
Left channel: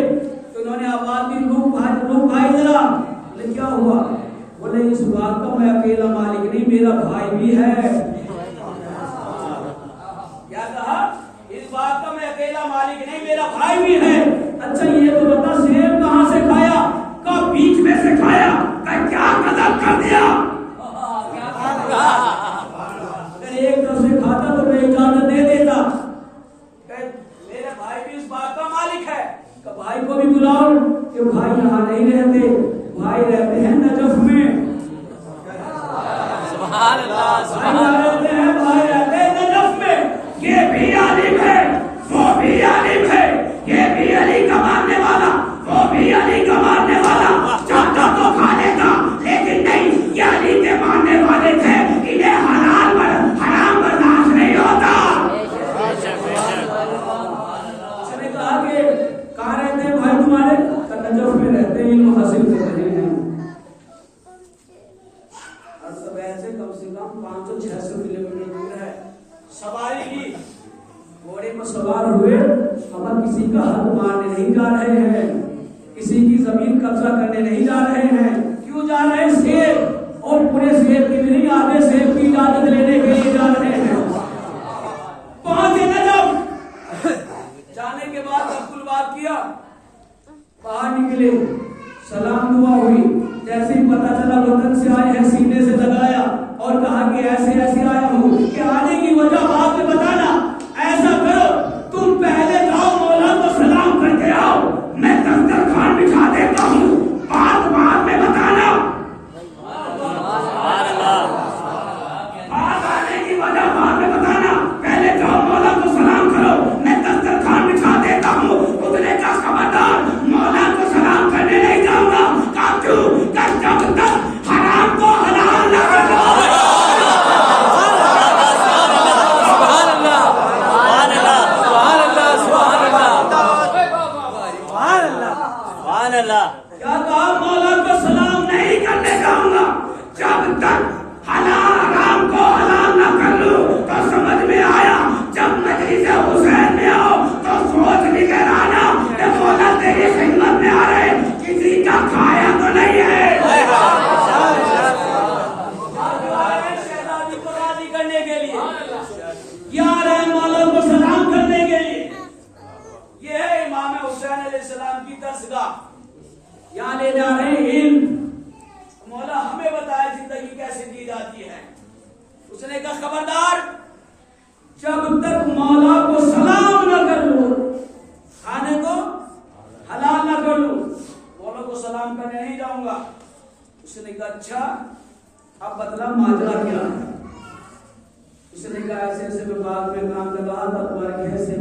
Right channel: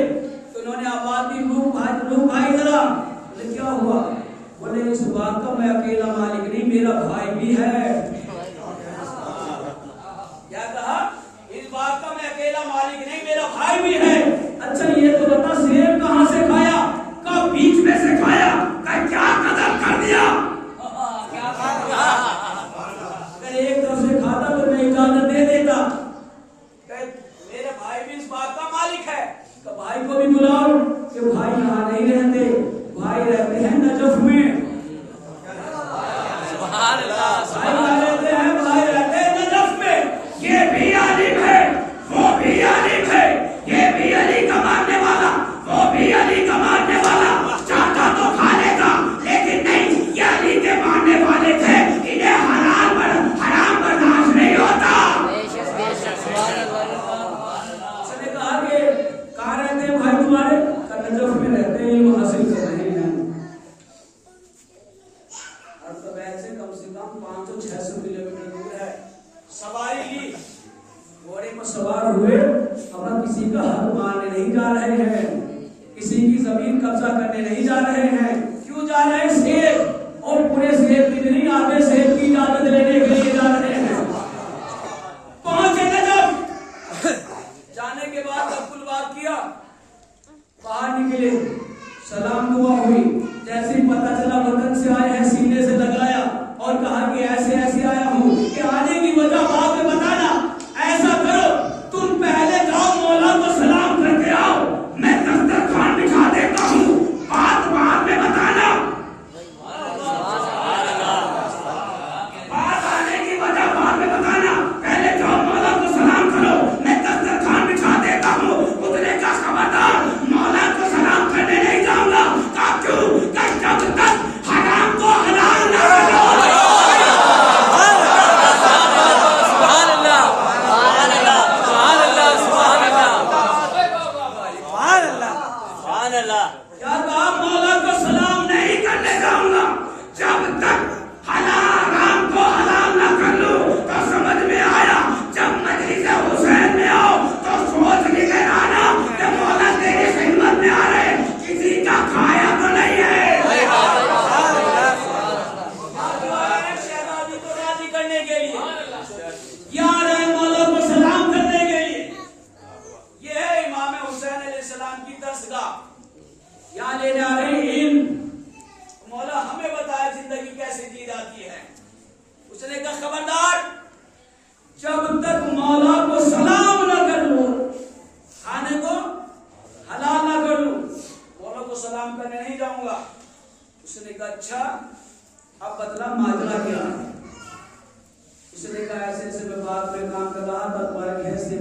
तो उन्होंने बात भी रूप भाई जरा। बोले क्या हुआ? बोले इस बात का मैं अकेला मालिक नहीं, मेरा भाई भी है। क्या कहा? इस बात का मैं अकेला मालिक नहीं, मेरा भाई भी है। अच्छा ये तो बता, सेब कहाँ से खाया? कब बीच में से खाया? क्या कदम कर दिया? अगर एक तरफ से खाता तो मैं इजाजत दे देता। मेरे भाई भी इस बात का मालिक है। भाई को भी बुलाओ कि भाई यहाँ नहीं रहते, भाई रहते हैं नजफ में। भाई रहते हैं नजफ में। ये भी आलिम है, वो भी आलिम है, ये भी अली का मानने वाला, वो भी अली का मानने वाला। चाहता तो खा लेगा, लेकिन नहीं, ये अली के मानने वाले थे, इन्हें हराम बर्दाश्त नहीं होता। उसने कहा कि कहाँ रहते हैं भाई तुम्हारे? नजफ में रहते हैं, इल्म हासिल कर रहे हैं। और सब ऐसे कम से कम 500-600 किलोमीटर दूर है। सवारी ली, घोड़े पर सवार हुए, हम किसी का हक मारने नहीं जा रहे हैं, किसी की जमीन कब्जा करने नहीं जा रहे हैं। क्यों जा रहे हैं? सेब, और पूरे सेब की भी नहीं, आधे सेब की इजाजत लेने के लिए जा रहे हैं। पहुंचे नजफ। जाने के बाद जब कुल बात किया, बाहर निकले, सलाम दुआ हुई। जैसे ही पता चला वतन से आए हैं, सीने से लगाया और कहा कि ऐसे ऐसे आया हूँ, कि आने की वजह बाद में बताना। ऐसा करो, तुम पहले जाओ, मौला को सलाम करके आओ, मैं दस्तरखान बिछा देता हूँ, बात बाद में बताना। बात आने की वजह बाद में बताना, पहले जाओ, मौला को सलाम करो, मैं दस्तरखान बिछा देता हूँ। उतने का खबरदार, मौला को सलाम करने नहीं जाऊंगा। कहा क्यों? जब तक हराम को हलाल न करो। क्या कहा? मौला को सलाम नहीं करने जाऊंगा जब तक हराम को हलाल न कर लूं। तो समझ में आया, जब मजलिस हुसैन में आओ तो सोच लेकर आना कि मौला तेरी खिदमत में आ रहे, किसी का खाया तो नहीं है। शहजादी को राजी करने के लिए क्या आ रहे हैं? मौला को सलाम करने के लिए। ये है इमाम हुसैन अलैहिस्सलाम की दरसगाह। यहाँ ले जा रहे हैं इल्म। मौला हमें बताया जिंदगी कैसे जी जाती है। उसने कहा खबरदार, जब तक मौला को सलाम न कर लो, खाने को हलाल न कर लो, मौला को सलाम करने नहीं जाऊंगा। उसने कहा अच्छा, अब बतला माजरा क्या है? उसने कहा ऐसे ऐसे मैं बाग में काम कर रहा था, तुम्हारे खेत से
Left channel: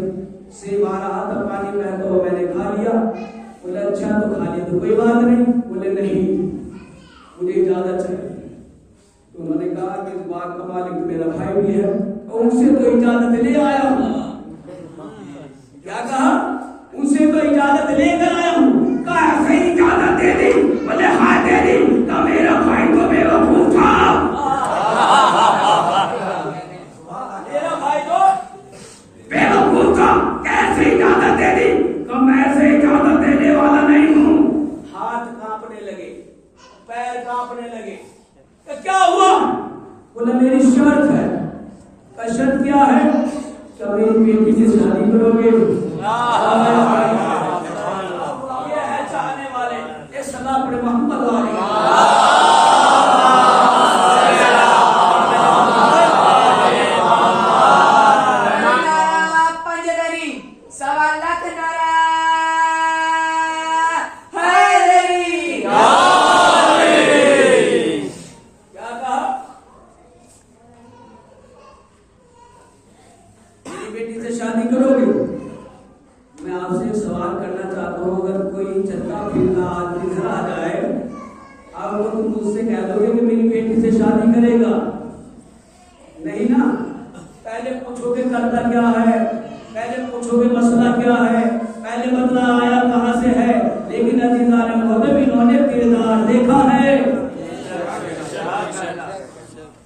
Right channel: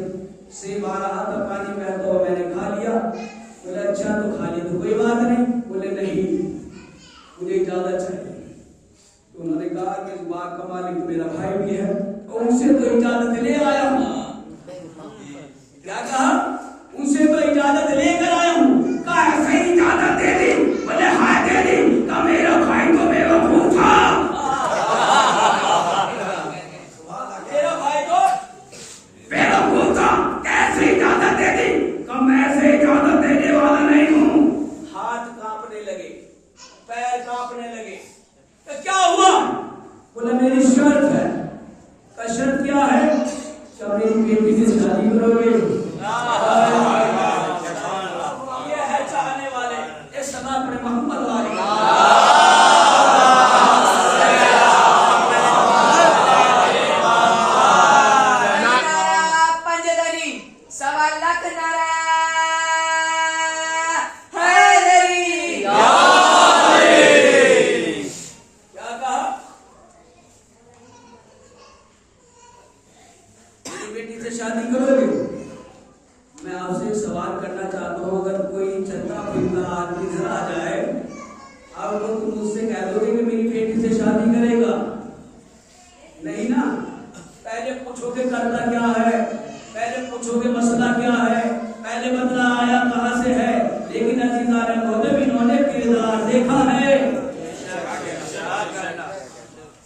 सेब आ रहा था, पानी बहता हुआ मैंने खा लिया। बोले अच्छा, तो खा लिया तो कोई बात नहीं। बोले नहीं, मुझे इजाजत चाहिए। तो उन्होंने कहा कि इस बाग का मालिक तो मेरा भाई भी है, और उनसे तो इजाजत ले आया हूँ। क्या कहा? उनसे तो इजाजत लेकर आया हूँ। कहा ऐसे ही इजाजत दे दी? बोले हाँ दे दी। कहा मेरा भाई तो बेवकूफ था, मेरा भाई तो बेवकूफ था, कैसे इजाजत दे दी? कहा मैं ऐसे इजाजत देने वाला नहीं हूँ। हाथ कांपने लगे, पैर कांपने लगे। तो क्या हुआ? बोले मेरी शर्त है। का शर्त क्या है? क्या मेरी बेटी से शादी करोगे? ये है चाहने वाले, ये सदा पड़े मोहम्मद वाले। शादी करोगे? मैं आपसे एक सवाल करना चाहता हूँ, अगर कोई चलता फिरता आदमी घर आ जाए और वो तुम मुझसे कह दोगे कि मेरी बेटी से शादी करेगा? नहीं ना? पहले पूछोगे करता क्या है, पहले पूछोगे मसला क्या है, पहले बदला आया कहाँ से है। लेकिन अजीज़ान मोहतरम, इन्होंने किरदार देखा है।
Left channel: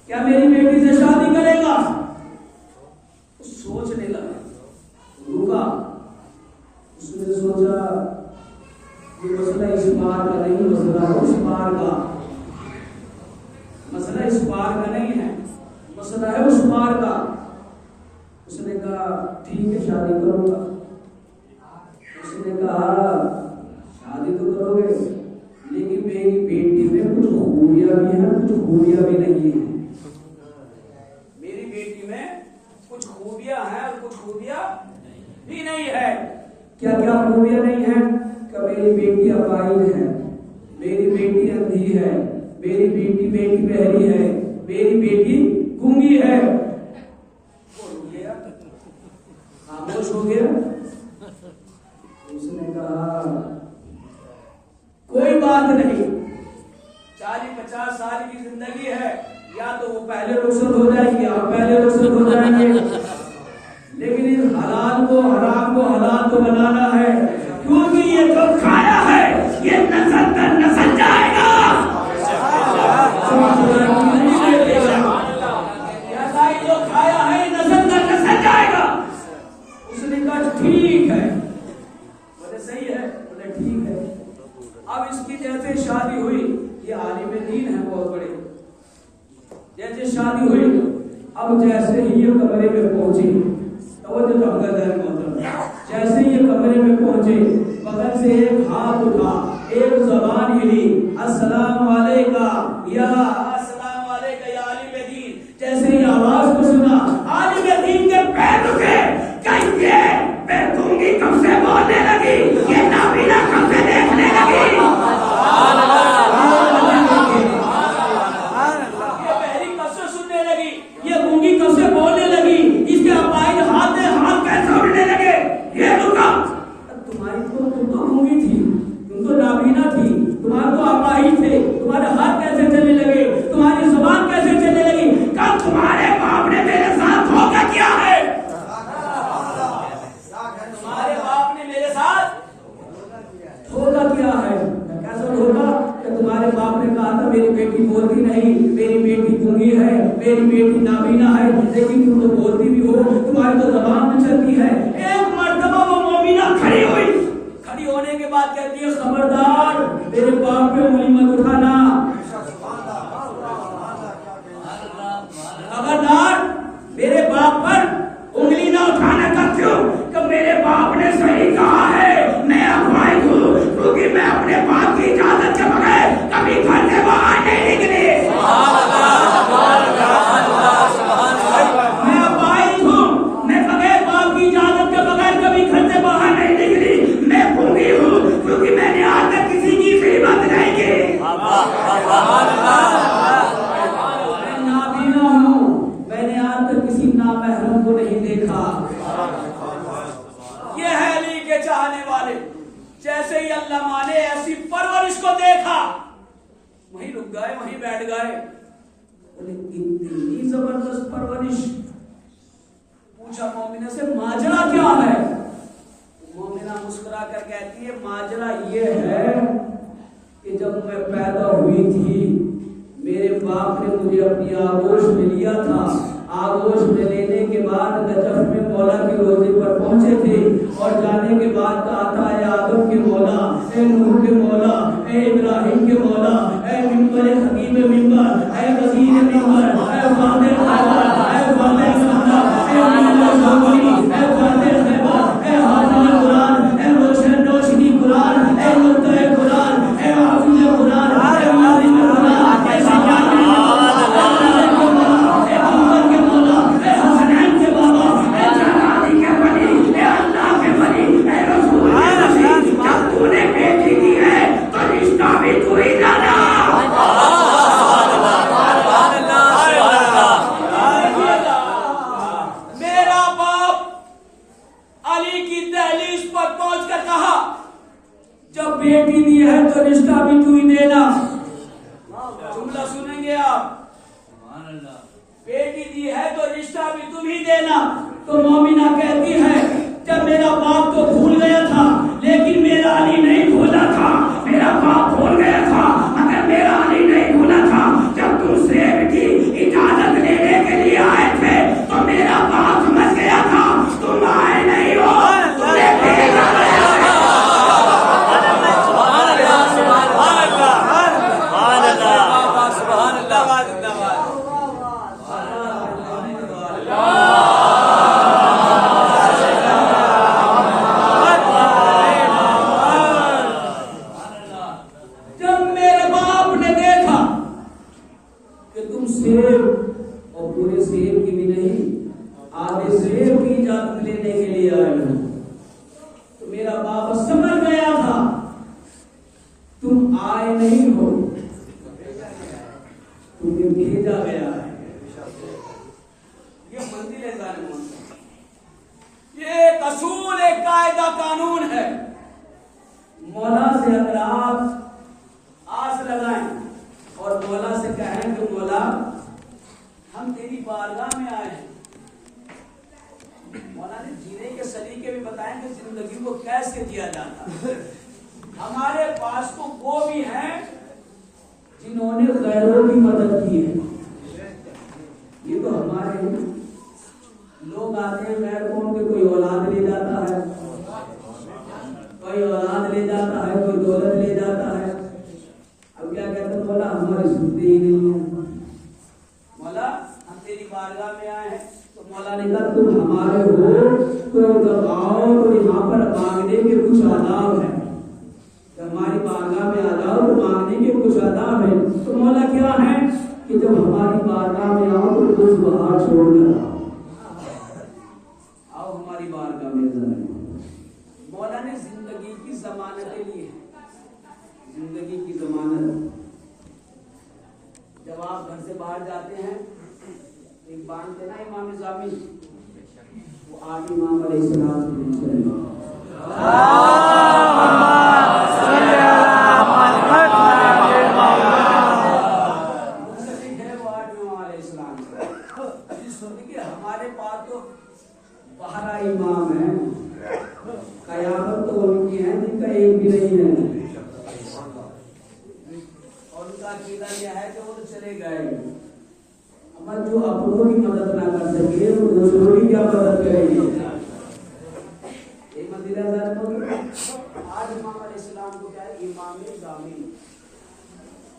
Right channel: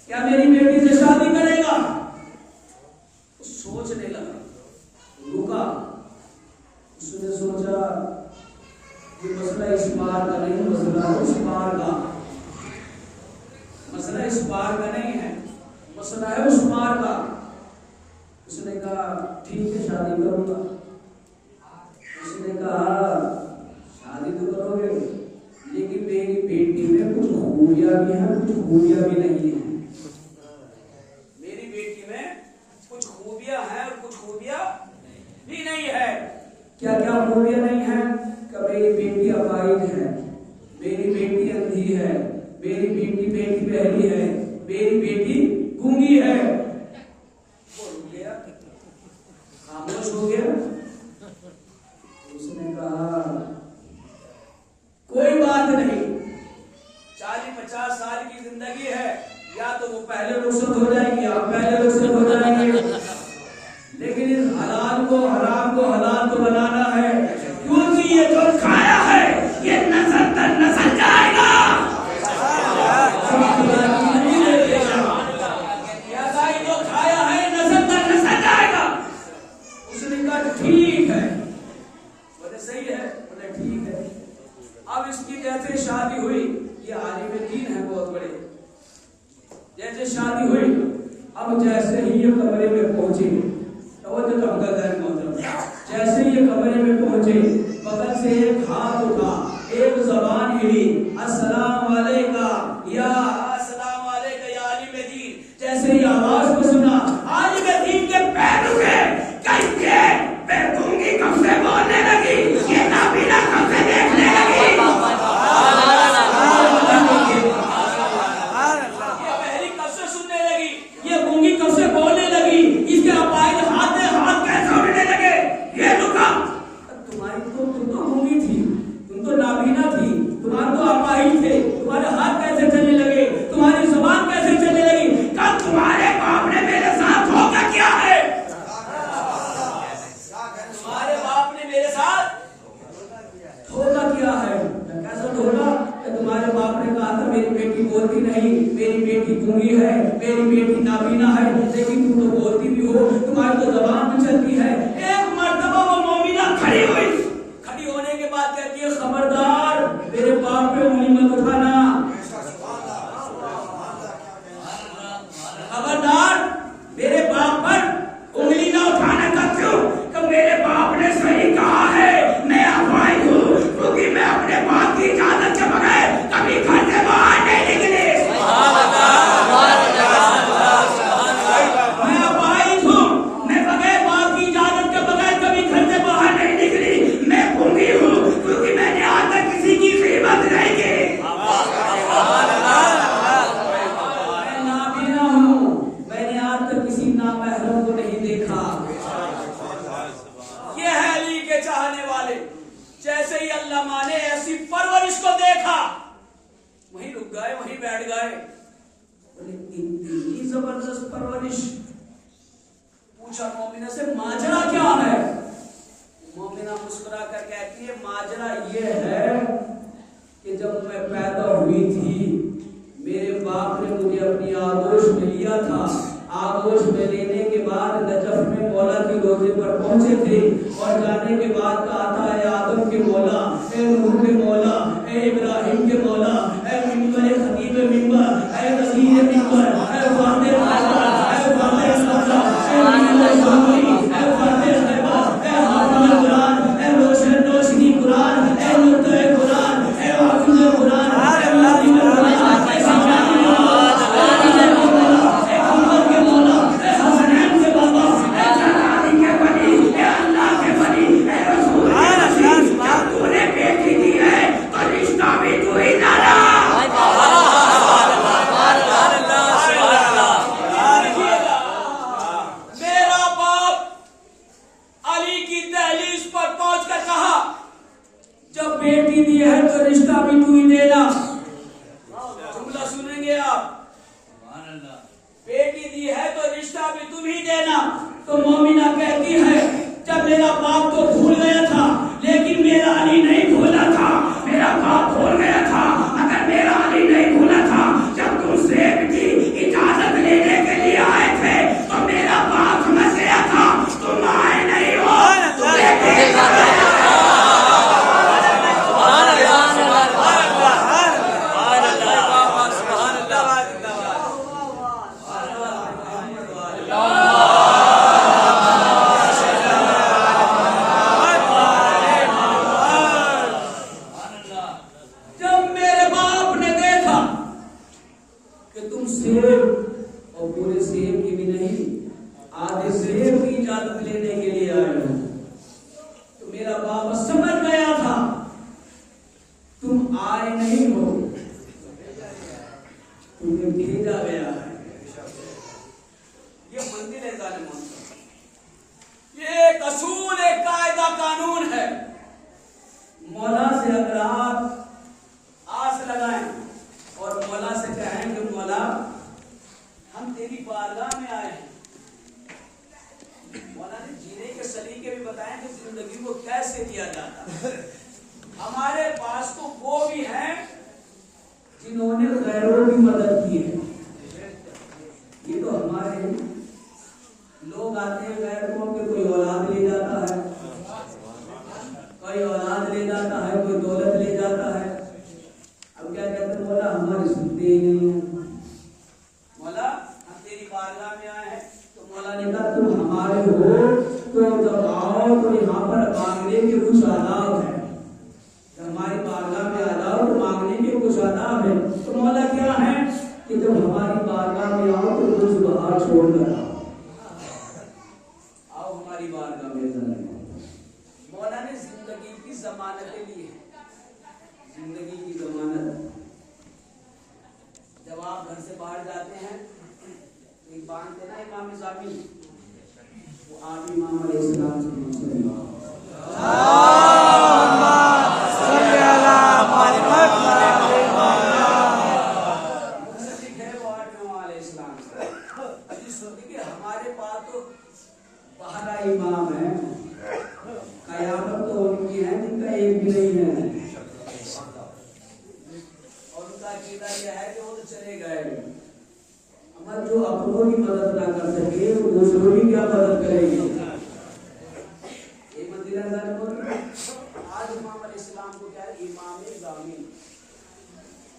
क्या मेरी बेटी से शादी करेगा? सोचने लगा, रुका, उसने सोचा ये मसला इस पार का नहीं, मसला है उस पार का। मसला इस पार का नहीं है, मसला है उस पार का। उसने कहा ठीक है शादी करूंगा। उसने कहा शादी तो करोगे लेकिन मेरी बेटी में कुछ खूबियां भी हैं, कुछ खूबियां भी नहीं है। मेरी बेटी में कुछ खूबियां हैं और कुछ खूबियां भी नहीं है। क्या क्या खूबियां नहीं है? कि मेरी बेटी अपाहिज है, मेरी बेटी अंधी है, मेरी बेटी बहरी है, मेरी बेटी गूंगी है। वो रुक गया, खामोश हो गया। उसने कहा कोई बात नहीं, 40-50 साल की जिंदगी है, या तो वो पहले रुखसत हो जाएंगे या पहले रुखसत हो जाएंगे, लेकिन इस हलाल को हराम को हलाल को बनाना है, क्योंकि ये जो खाया है ये नस्ल दर नस्ल जाएगा। जो खाया है नस्ल दर नस्ल जाएगा। उसने कहा ठीक है। बोले सही है? बोले ठीक है। अब इसकी जैसे शादी हुई, ये आलिम दीन है बहुत बड़े, जैसे शादी हुई, अब जैसे ही ये कमरे में पहुंची, जैसे ये कमरे में पहुंचे, बगल से एक हाथ उठा, एक जबान हिली, अस्सलाम वालेका या आलिम दीन। जैसे ही आवाज को सुना, आलिम दीन के पैर रुके। कहिए बेगूंगी कब से बोलने लगी, ये नाबीना कब से देखने लगी। ये पहली कब से सुनने लगी, ये गूंगी कब से बोलने लगी, इसके अपाहिज हाथ कैसे उड़ने लगे। ये रुका, तुम तो गूंगी थी, तुम तो नाबीना थी, तुम्हारे तो अपाहिज थे, तुम्हारे हाथ कैसे चलने लगे, तुम्हारी जुबान कैसे चलने लगी। कल तुम्हारे बाप ने मेरे साथ धोखा किया है, तुम्हारे बाप ने मेरे साथ धोखा किया है। कैसा धोखा? तुम्हारे बाप ने कहा था मेरी बेटी बोलती नहीं, मेरी बेटी गूंगी है, मेरी बेटी नाबीना है, लेकिन तुम तो बोलती भी हो, तुम्हारी तो जबान में चलती है। एक मर्तबा वो मोमिना खड़ी हुई, खड़ी होने के बाद कहती है खबरदार मेरे बाप पे उंगली मत उठाना, खबरदार मेरे बाप पर उंगली ना उठाने का। क्यों? कि मेरे बाप ने सही कहा है, मैं अपाहिज हूँ, क्योंकि मैं अपने बाप की इजाजत के बगैर कभी घर से बाहर नहीं निकली। मैं अपाहिज हूँ, मैं बगैर बाप की इजाजत के बगैर कभी घर से बाहर नहीं निकली। मैं गूंगी हूँ, क्योंकि मैंने आज तक किसी की खिदमत नहीं की। मैं नाबीना हूँ, मैंने आज तक किसी नामहरम को नहीं देखा। ये है अली के चाहने वाले। जैसे ही अल्लाह माने ऐसी परवरिश को देखा, वहीं रुक गए, वहीं बैठ गए। बोले इतनी जबरदस्त परवरिश। पूछा मोमिना से माजरा क्या है? मोमिना मुस्कुरा कर कहती है माजरा ये है कि जब मैं पैदा हुई थी, मेरे बाप ने मुझे अपनी आगोश में लिया था। आगोश में लेने के बाद नजफ में मौला के रोजे पर पहुंचे थे, और जाने के बाद कहा था ए आदम के मौला, ए नूह के मौला, ए इब्राहिम के मौला, ए मिंबर खतीब मिंबर, ए वजीर मिंबर, ए वादे खैबर, ए वादे सदा, ए मिंबर सामरी, ए वादे खैबर, ए हाफिज कुरान, ए रोशन रोशनी कुरान, ए नुक्ते कुरान, ए हाफिज कुरान, ए मालिक कुरान, ए सजाद बेटी दी है तो रिश्ता भी तू ही देना। जुमला सुनेंगे आप, बेटी दी है तो रिश्ता भी तुम ही देना। तो मोमिना कहती है जब मेरा बाप तो भूल गया था, लेकिन मेरा अली नहीं भूला था। मेरा बाप भूल गया था, अगर मेरा अली नहीं भूला था, जब तुम सेब की इजाजत लेने के लिए आए थे तो मेरा बाप समझ गया था तुम आए नहीं हो, तुम्हें भेजा गया है। मेरा बाप समझ गया था तुम आए नहीं हो, तुम्हें भेजा गया है। ये मंदिर है जाने मन, ये एक असूल, एक कायदा कानून है। मौला से अगर आप आस लगाएं और मौला से कहें कि मौला हम तेरी बारगाह में आए, मौला ने जीने के सलीके भी बताएं कि जिंदगी को कैसे जिया जाता। हमारे पास तो वो भी हैं जिन्होंने गैरों की मदद की है। ये तो हमारे लोग आते हैं गैर को, उनके कोई औलाद ले जाता है, कोई औलाद ले जाता है, कोई दौलत ले जाता है। अब क्या कहते हैं, मौला हमारी सुनते ही नहीं है। मौला हम तेरी बारगाह में आए हैं, तो मौला ने कहा तुम हमारे हो तो जब आओ तो यहाँ पर मांगने के कुछ आदाब है। जब हमारी बारगाह में आ जाओ तो मांगने के कुछ आदाब है। तो मौला क्या है कि जब हमारी बारगाह में आओ तो कुछ बाहर छोड़कर आओ हमारी बारगाह में। मौला ने जिंदगी की जमानत ली है, जिंदगी की जमानत। जब आप घर से बाहर जाते हैं एक बांधते ना इमाम जामी, वो आप इमाम अलैहिस्सलाम से पूछते हैं हमारे पास तो बारह इमाम है, कयामत तो उनकी है जिनका एक भी नहीं है, और उनका अकीदा यह है कि वो तो चले गए। अमर जो अपनों की मदद ना कर सके वो दूसरों की क्या मदद करेगी। ये मंदिर आज इमाम अलैहिस्सलाम को क्या है, इमाम जामिन।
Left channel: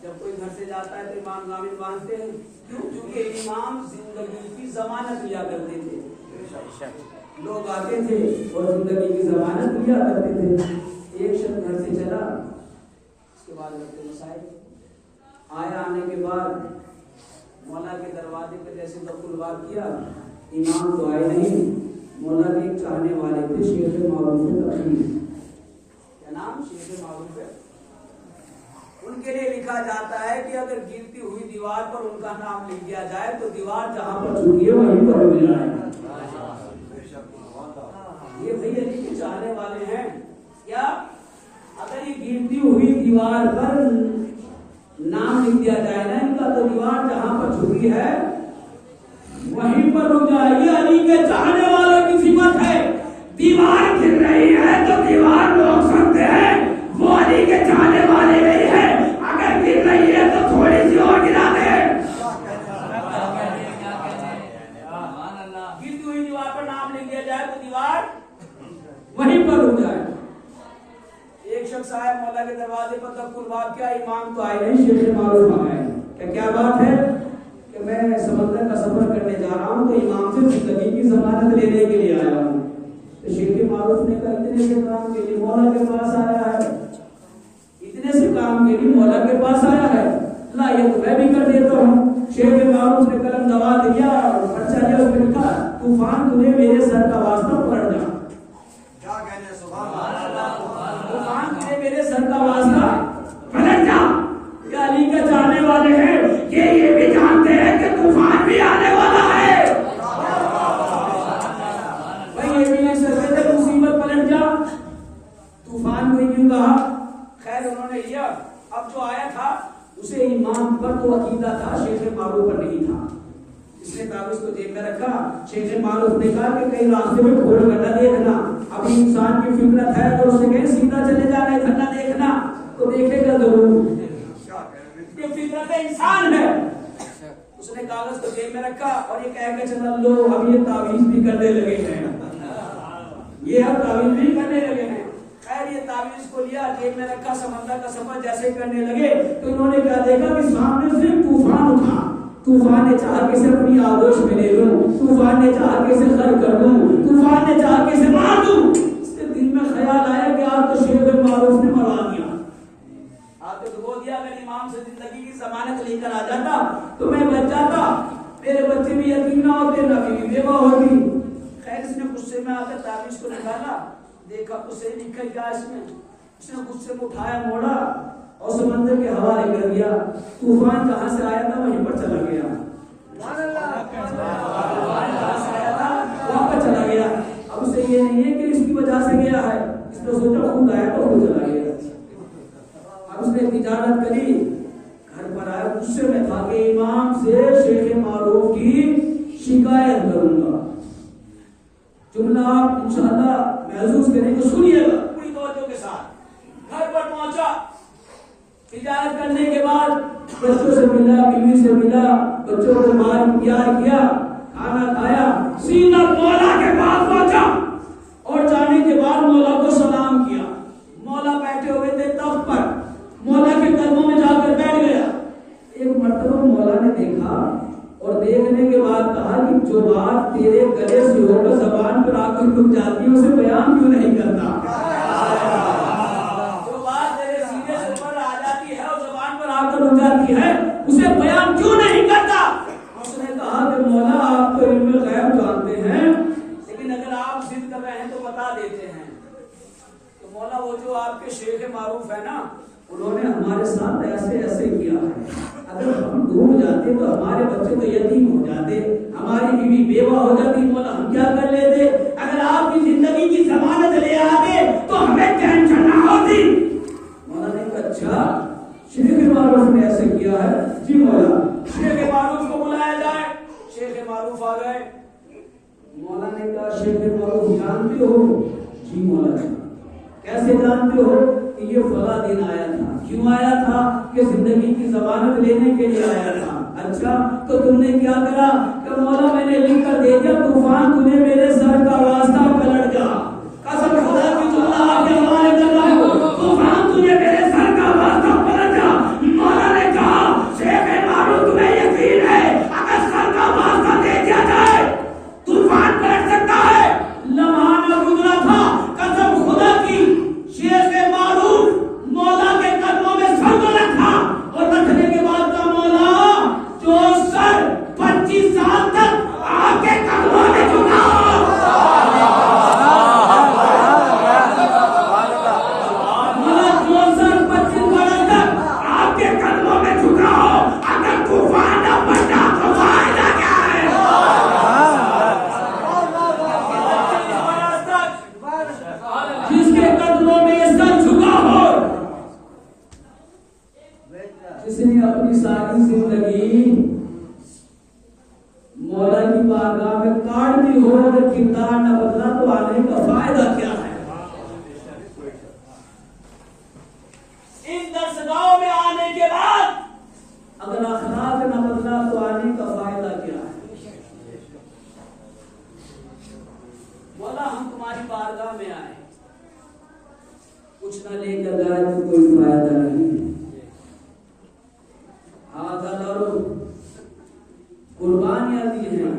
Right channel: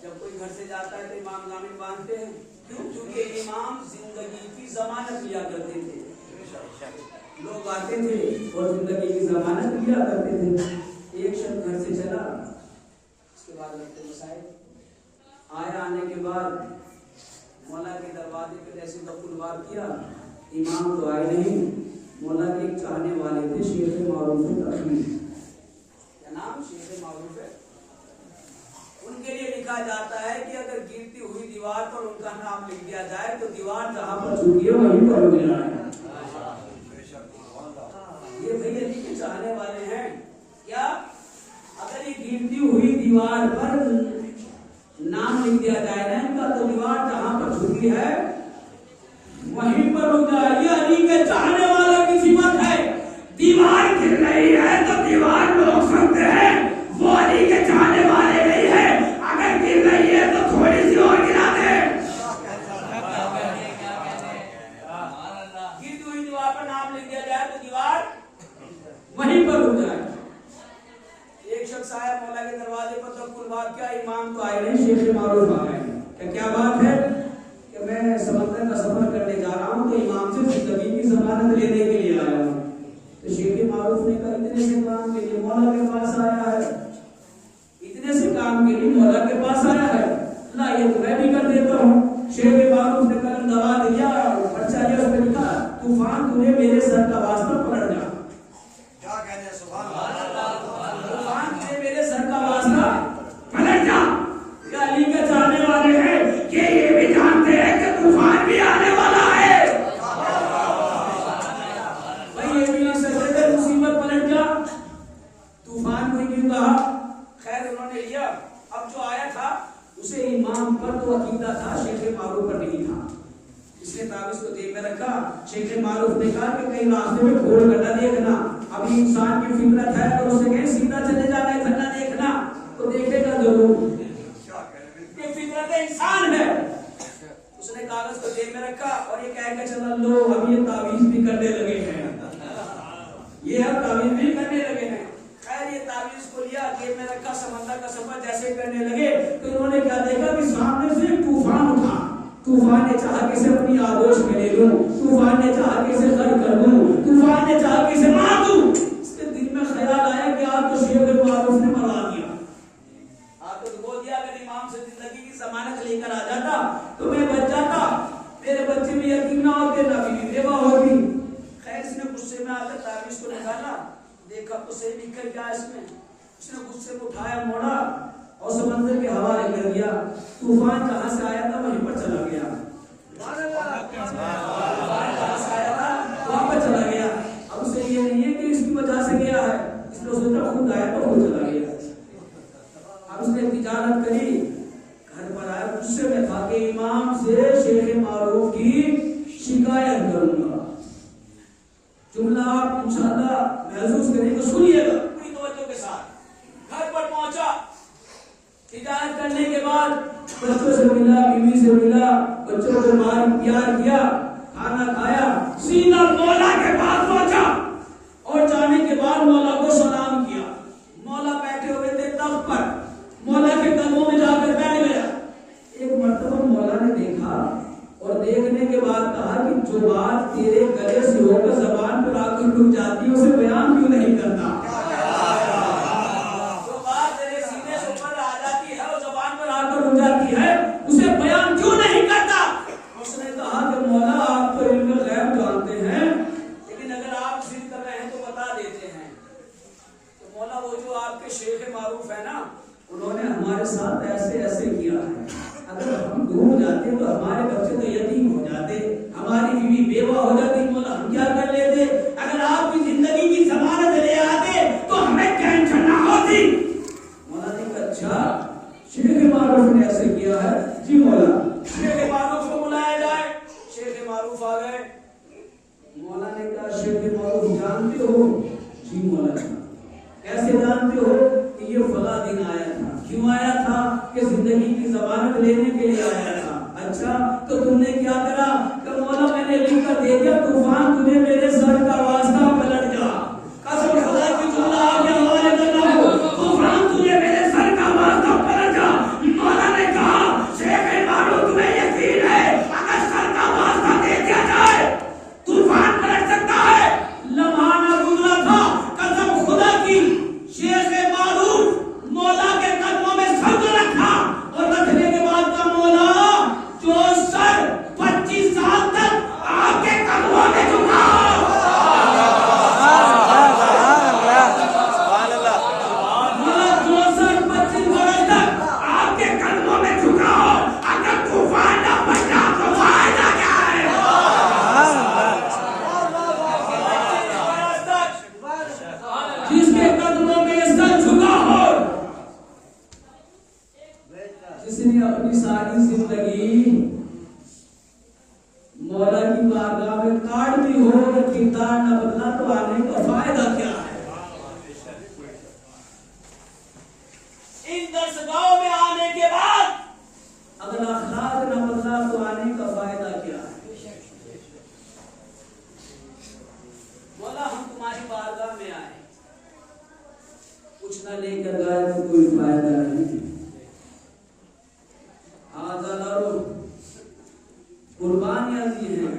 जब कोई घर से जाता है तो इमाम जामिन बांधते हैं, क्यों? क्योंकि इमाम जिंदगी की जमानत लिया करते थे। लोग आते थे और जिंदगी की जमानत लिया करते थे। एक शख्स घर से चला, उसके बाद लगते मसाइल आया, आने के बाद मौला के दरवाजे पे जैसे दखुलवार किया, इमाम तो आए नहीं। मौला के एक चाहने वाले थे शेख मारूफ तकीर, क्या नाम, शेख मारूफ है। उनके लिए लिखा जाता है कि अगर गिरती हुई दीवार पर उनका नाम लिख दिया जाए तो दीवार जहां पर झुकी है वहीं पर रुक जाए। ये भाई अली के चाहने वाले हैं क्या? अगर ये गिरती हुई दीवार पर नाम लिख दिया जाए ना इनका, तो दीवार जहां पर झुकी है वहीं पर रुक जाए। ये अली के चाहने वालों की सिफत है। दीवार गिर रही है तो दीवार रोक सकते हैं, वो अली के चाहने वाले नहीं है। अगर गिर रही है तो थोड़ी सी और गिरा दे। गिरती हुई दीवार पर नाम लिख दिया जाए तो दीवार वहीं पर रुक जाए। एक शख्स आया मौला के दरवाजे पर, तब कुलबात क्या, इमाम तो आए नहीं, शेख मारूफ आ गए। क्या बात है कि मैं समंदर का सफर करने जा रहा हूँ तो इमाम से जिंदगी की जमानत लेने के लिए आया हूँ। तो शेख मारूफ ने कहा इतने से काम के लिए मौला के पास आया है, इतने से काम के लिए मौला के पास आया है, ला ये तो मैं भी कर देता हूँ। शेख मारूफ ने कलम दबा दिया, पर्चा लिया, उसमें लिखा तूफान तुझे मेरे सर का वास्ता पलट जा। तूफान तुझे मेरे सर का वास्ता पलट जा। ये अली के चाहने वाले हैं, ये भी जानते हैं कि तूफान भी आने वाला है। भाई ये भी नहीं सकते मुसीबत पलट जा, तूफान को क्यों कहा? खैर उन्होंने लिया। अब जो आया था उसे इमाम पर तो अकीदा था, शेख मारूफ पर नहीं था। इसने कागज को जेब में रखा। शेख मारूफ ने कहा कि कहीं रास्ते में खोल कर न देखना, अभी इंसान की फितरत है तो उससे कहीं सीधा चले जाना, इधर न देखना, तो देखेगा जरूर, ये फितरत इंसान है। उसने कागज को जेब में रखा और ये कह के चला लो अब ये तावीज भी करने लगे हैं, ये अब तावीज भी करने लगे हैं। खैर ये तावीज को लिया, जेब में रखा, समंदर का सफर जैसे करने लगे तो उन्होंने क्या देखा कि सामने से तूफान उठा। तूफान ने चाहा कि इसे अपनी आगोश में ले लूं, तूफान ने चाहा कि इसे खर कर दूं, तूफान ने चाहा कि इसे मार दूं। इसके दिल में ख्याल आया कि आज तो शेख मारूफ ने मरवा दिया, आज तो डुबो दिया। अगर इमाम से जिंदगी की जमानत लेकर आ जाता तो मैं बच जाता, मेरे बच्चे भी यतीम ना होते, ना बीवी बेवा होती। खैर इसने गुस्से में आकर ताबीज को निकाला, देखा तो सही लिखा क्या है इसमें? उसने गुस्से में उठाया, मोड़ा और समंदर के हवाले कर दिया। तूफान कहाँ से आया था वहीं पर चला गया। तूफान कहाँ से आया था वहां पर चला गया। अब उसे ये नहीं है कि इसकी वजह से गया है, इसने सोचा खुद आया तो खुद चला गया। अब उसने तिजारत करी, घर पर आया, गुस्से में था कि इमाम से शेख मारूफ की शिकायत करूंगा। जुमला आप इंशाअल्लाह महसूस करेंगे, सुनिएगा पूरी तवज्जो के साथ। घर पर पहुंचा, तिजारत करने के बाद बच्चों से मिला, बीवी से मिला, बच्चों को प्यार किया, खाना खाया, सीधा मौला के पास पहुंचा और जाने के बाद मौला को सलाम किया। मौला बैठे हुए थे तख्त पर, मौला के कदमों में जाकर बैठ गया। एक मर्तबा मौला ने देखा और देखने के बाद कहा कि जो बात तेरे गले से होकर जबान पर आकर रुक जाती है उसे बयान क्यों नहीं करता? जो बात तेरे सीने से ऊपर आ जाती है और जबान पर आकर रुक जाती है उसे बयान क्यों नहीं करता? उसने कहा कि मौला आप तो इल्म गैब जानते हैं, लेकिन अगर आप जिद कर रहे हैं तो बता देते हैं। तो मौला वो जो आपके शेख मारूफ है ना, उन्होंने हमारे साथ ऐसे ऐसे किया है। अगर हम डूब जाते तो हमारे बच्चे तो यतीम हो जाते, हमारी बीवी बेवा हो जाती, मौला हम क्या कर लेते? अगर आपकी जिंदगी की जमानत ले आते तो हमें टेंशन ना होती। मौला ने कहा अच्छा, शेख मारूफ ने ऐसे किया है, जी मौला शेख मारूफ को बुलाया जाए। शेख मारूफ आ गए। मौला ने कहा शेख मारूफ जानते हो? जी मौला। कैसे जानते हो? ये फला दिन आया था। क्यों आया था? कि जिंदगी की जमानत लेने के लिए आया था। अच्छा, तो तुमने क्या करा? कि मौला मैंने लिख कर दे दिया, तूफान तुम्हें मेरे सर का वास्ता पलट जा। कसम खुदा की जुमला आपके हवाले कर रहा हूं, तूफान तुझे मेरे सर का वास्ता पलट जा। मौला ने कहा शेख मारूफ तुम्हें यकीन है अगर सर का वास्ता दे दिया जाए तूफान पलट सकता है? लम्हा न गुजरा था, कसम खुदा की, शेख मारूफ मौला के कदमों में सर को रखा और रखने के बाद का मौला जो सर 25 साल तक आपके कदमों में झुका। मौला जो सर 25 बरस तक आपके कदमों में झुका हो, अगर तूफान न बचा तो फायदा क्या है? 25 बरस तक जिसके कदमों में ये सर झुका हो, जिसने अपनी सारी जिंदगी मौला की बारगाह में काट दी हो, अगर किरदार न बदला तो आने का फायदा क्या है? इन दरसगाहों में आने के बाद अगर अखलाक न बदला तो आने का फायदा क्या है? मौला हम तुम्हारी बारगाह में आए, कुछ न लेकर गए तो कोई फायदा नहीं। आजादारों कुर्बानियां दी हैं,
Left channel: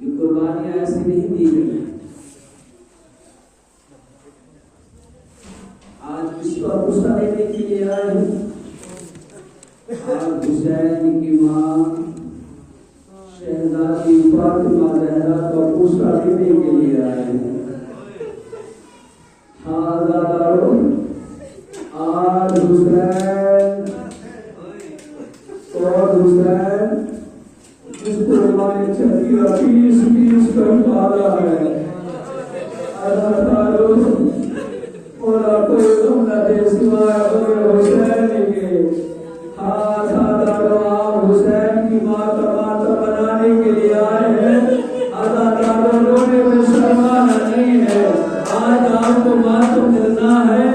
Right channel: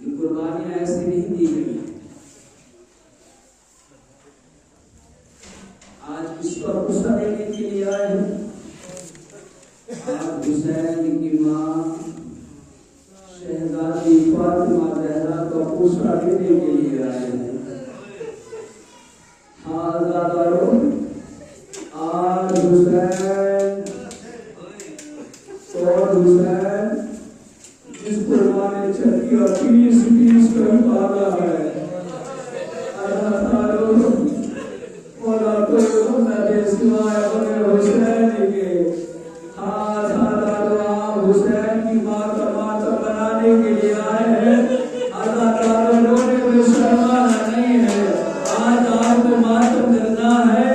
ये कुर्बानियां ऐसी नहीं दी गई। आज किसको गुस्सा देने के लिए आए हैं? आज हुसैन की मां शहजादी फातिमा ज़हरा को गुस्सा देने के लिए आए हैं। आजादारों आज हुसैन जिसको हमारे चक्की और पीस कर पाला है, और कोई सिवाय हुसैन के। आप हुसैन की माँ का मातम बनाने के लिए आए हैं। रोने में शर्माना नहीं है, आज आपको मातम करना है।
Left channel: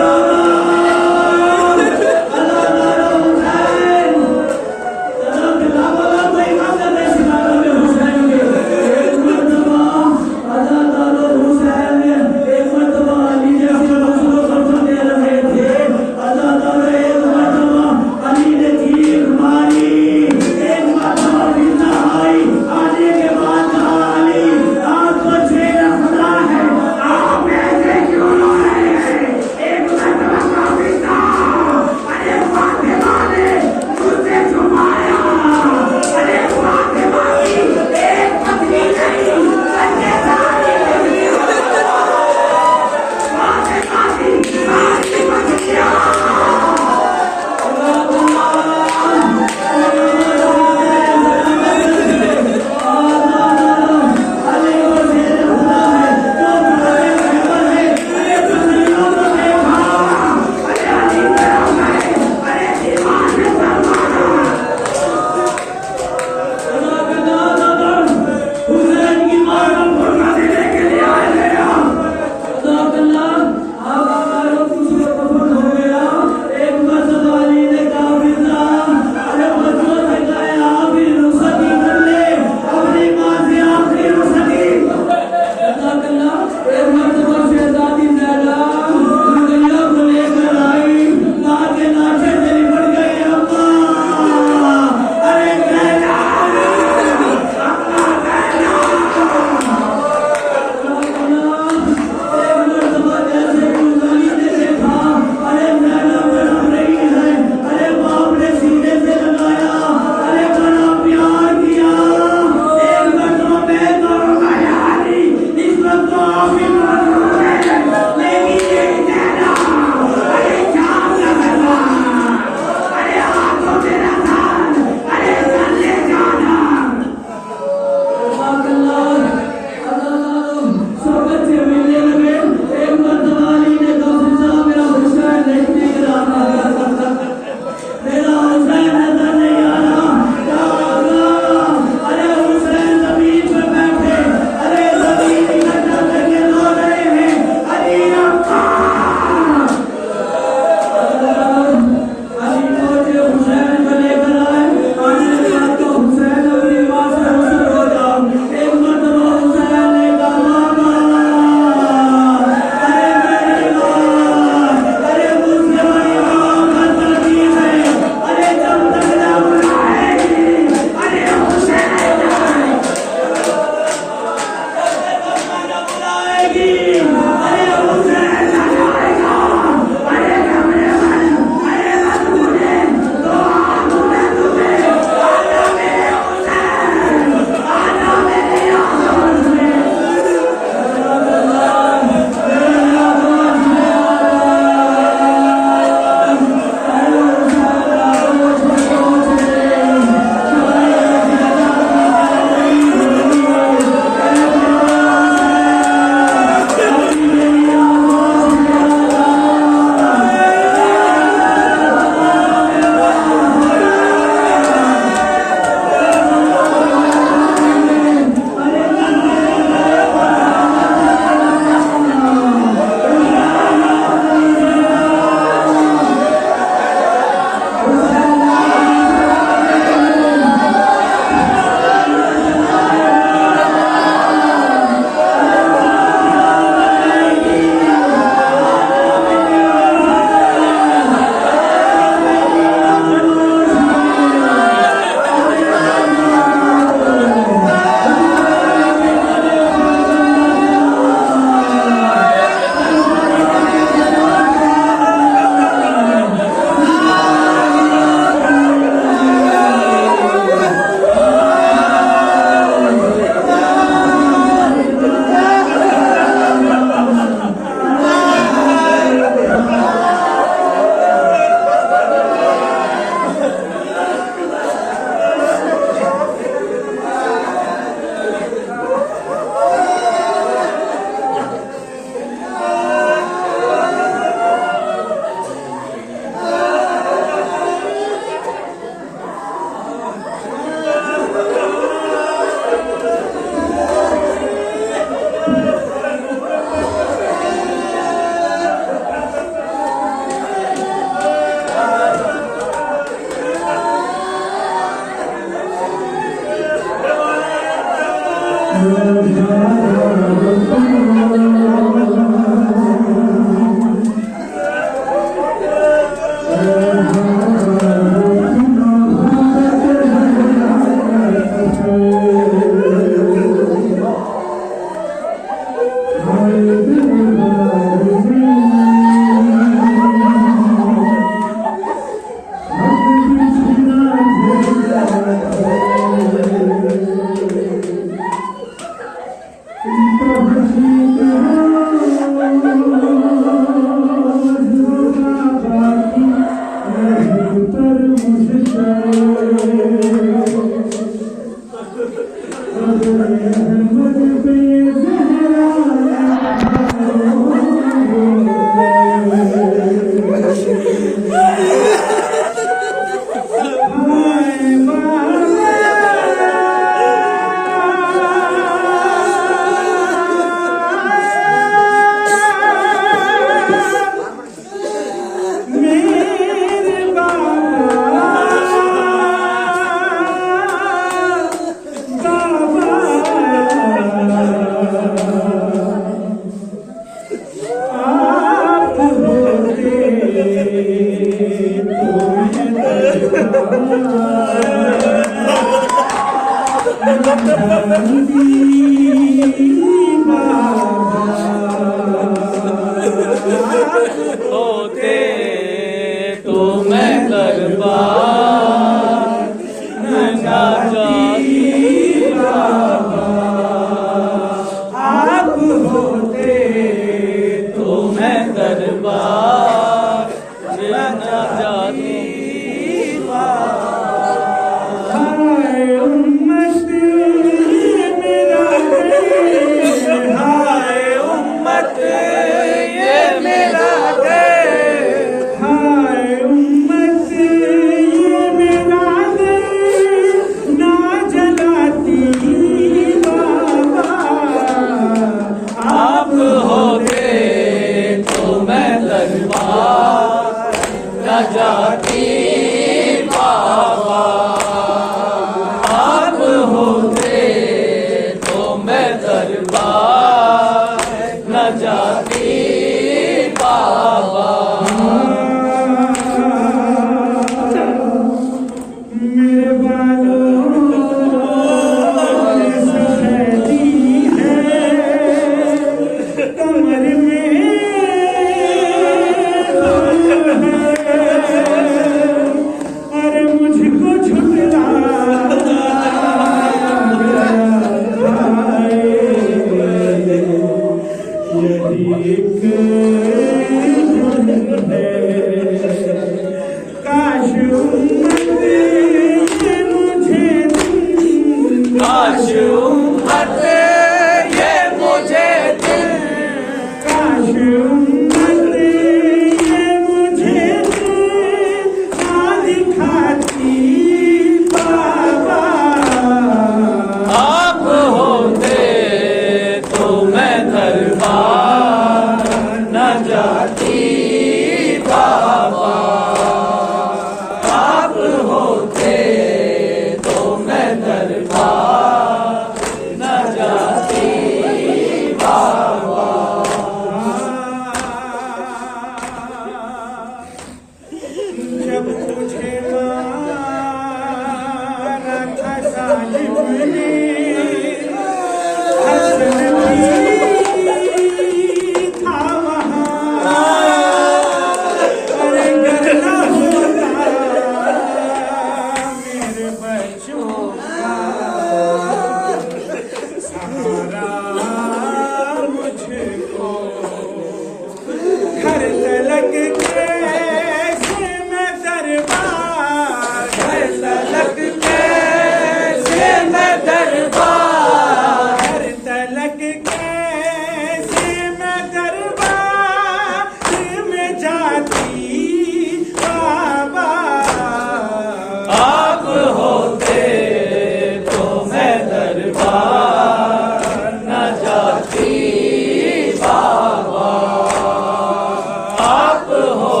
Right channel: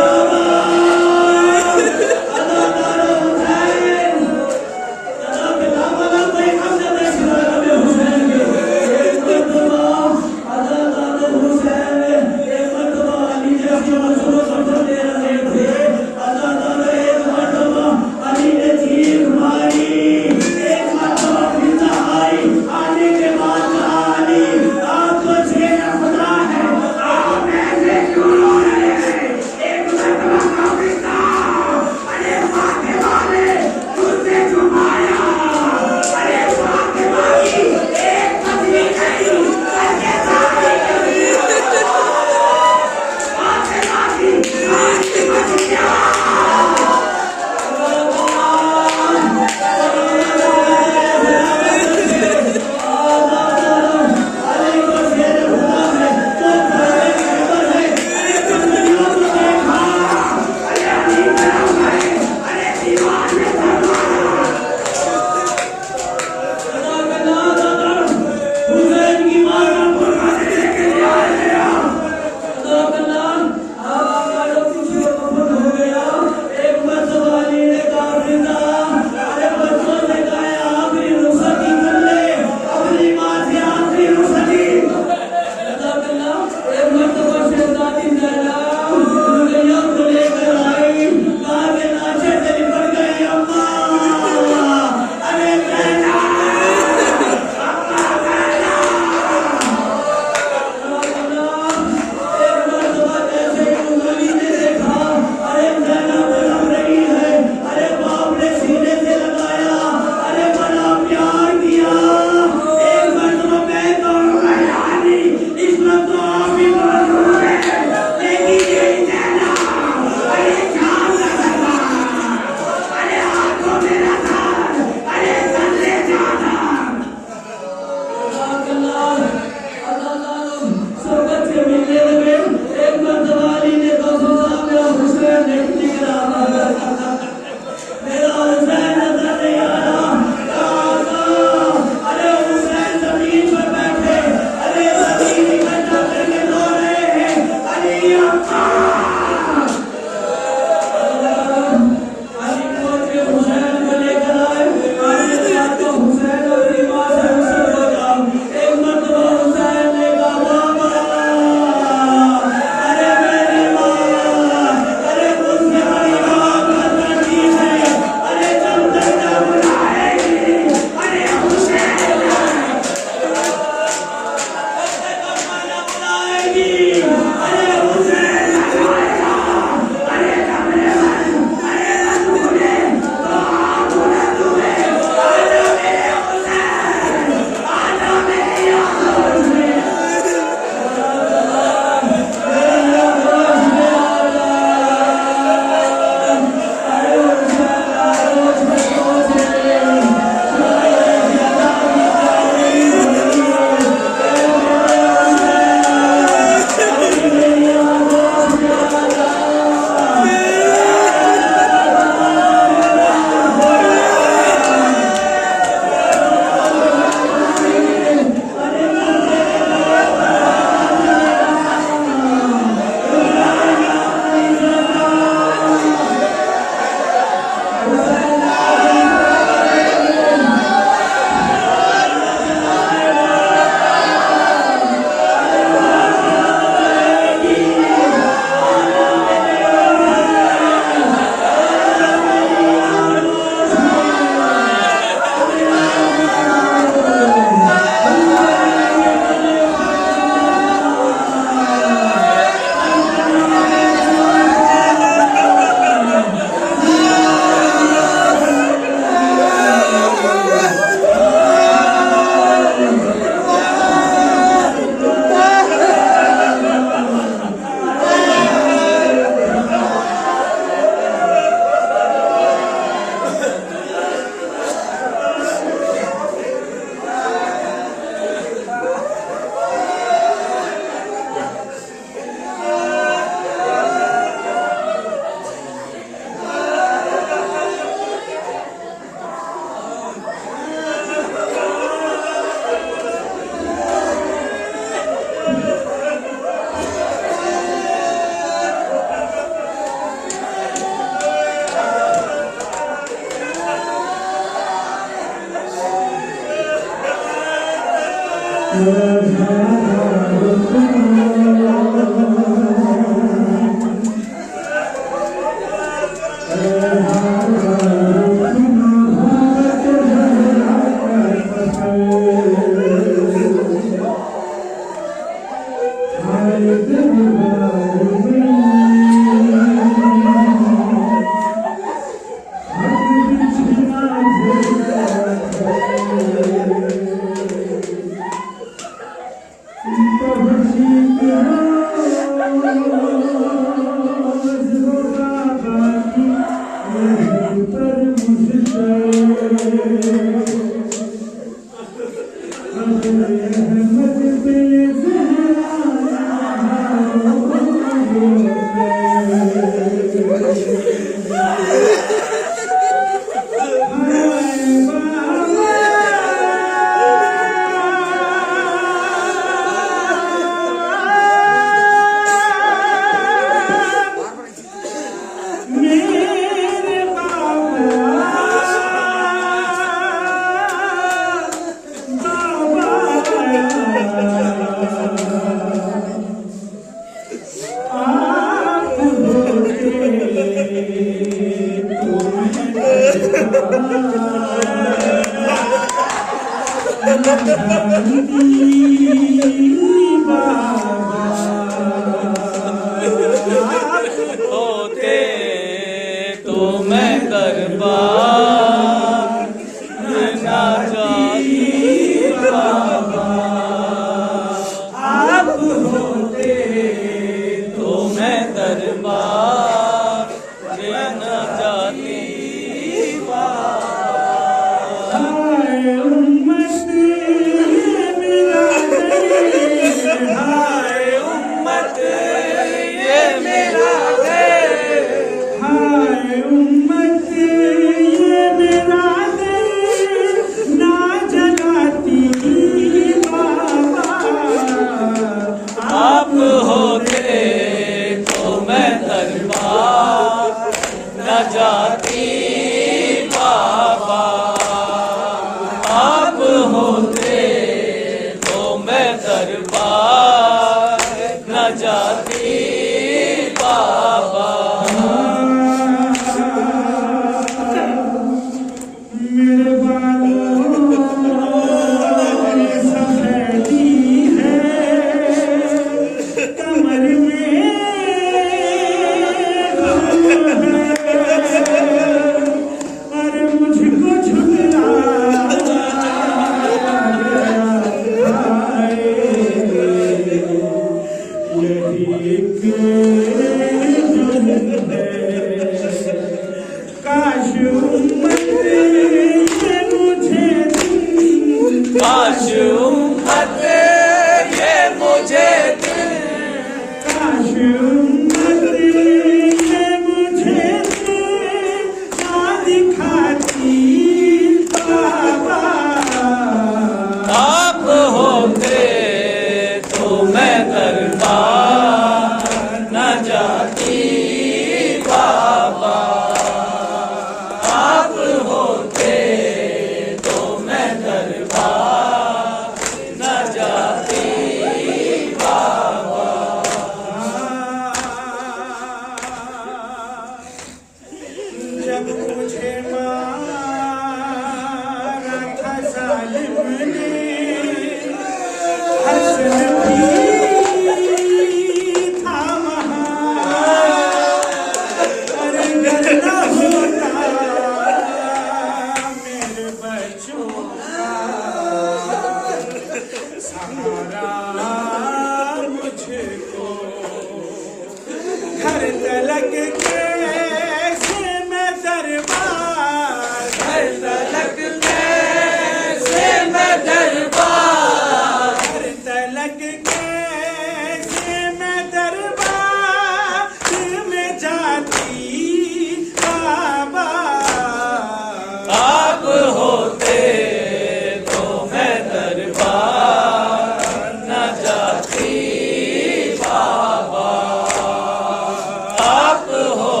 आप हो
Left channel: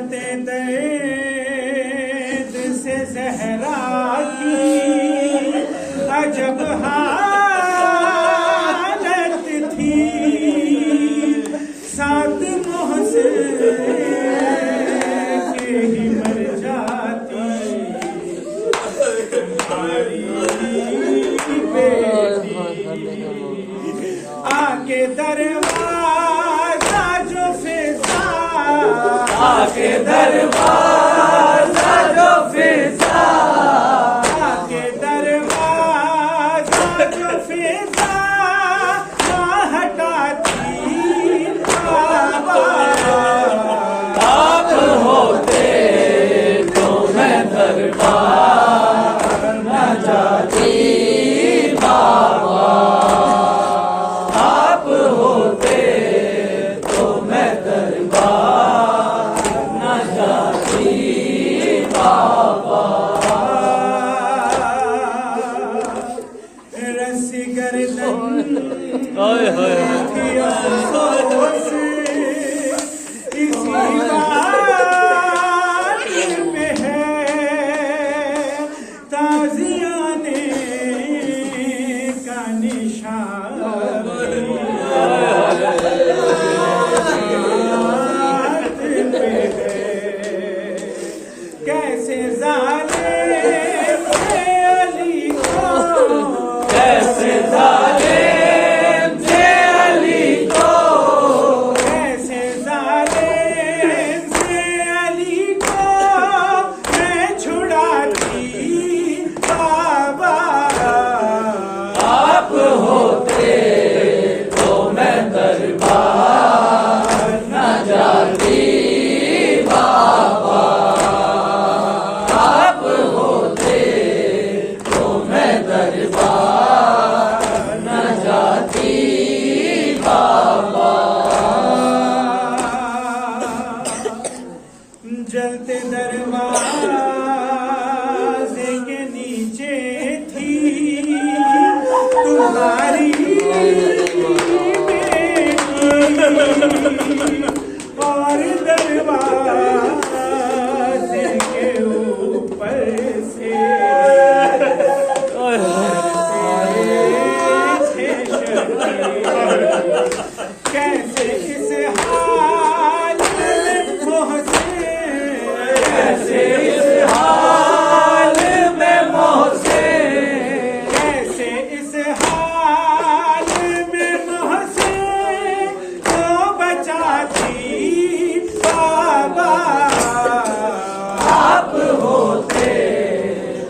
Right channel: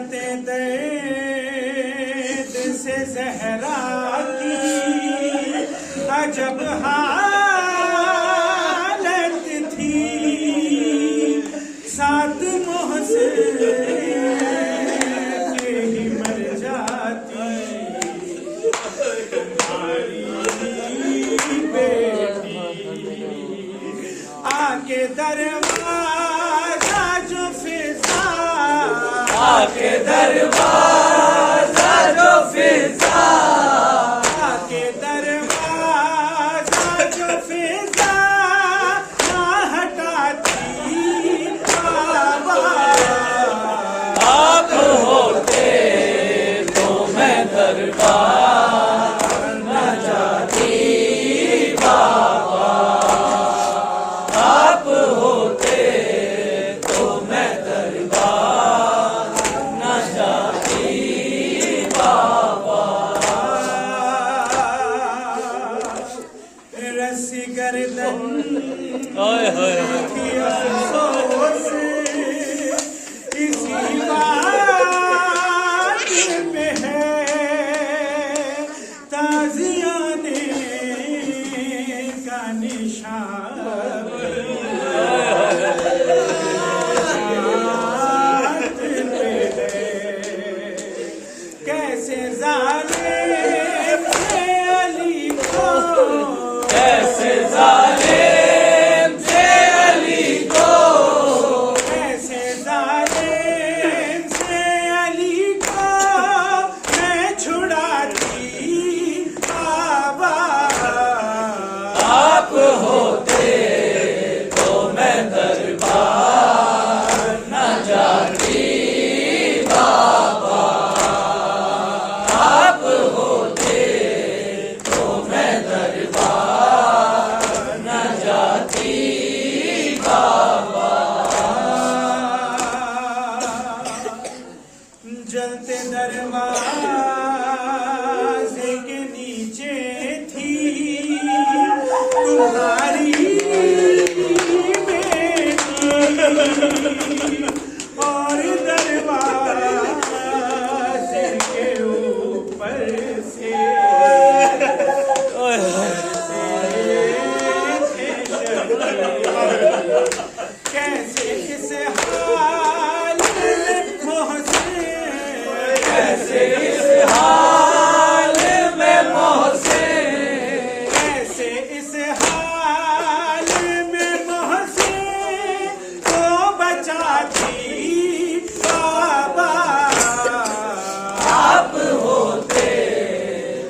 हालत दर्द से ज़हरा की अजब हालत थी, सात मोहसिन के ही मर जाती तुम्हारी बेटी। आके दरवाजा जो फिजा, आके दरवाजा जो फिजा, आके दरवाजा जो फिजा ना हटाती बाबा। आप होते तो मैं दरबार न जाती बाबा। आप होते तो मैं दरबार न जाती बाबा। रस्सी गर्दन थी अफसोस इसी बात में है, ताज़ियाने का निशान हाथ में है। कैसे ज़ालिम थे अली को, कैसे ज़ालिम थे अली को, कैसे ज़ालिम थे अली को मैं छुड़ाती बाबा। आप होते तो मैं दरबार न जाती बाबा। आप होते तो मैं दरबार न जाती बाबा। जलते दरवाजे के नीचे थी तुम्हारी बेटी, और दरवाजे के ऊपर से थे शकीर। कैसे इस हाल में मोहसिन, कैसे इस हाल में मोहसिन, कैसे इस हाल में मोहसिन को बचाती बाबा। आप होते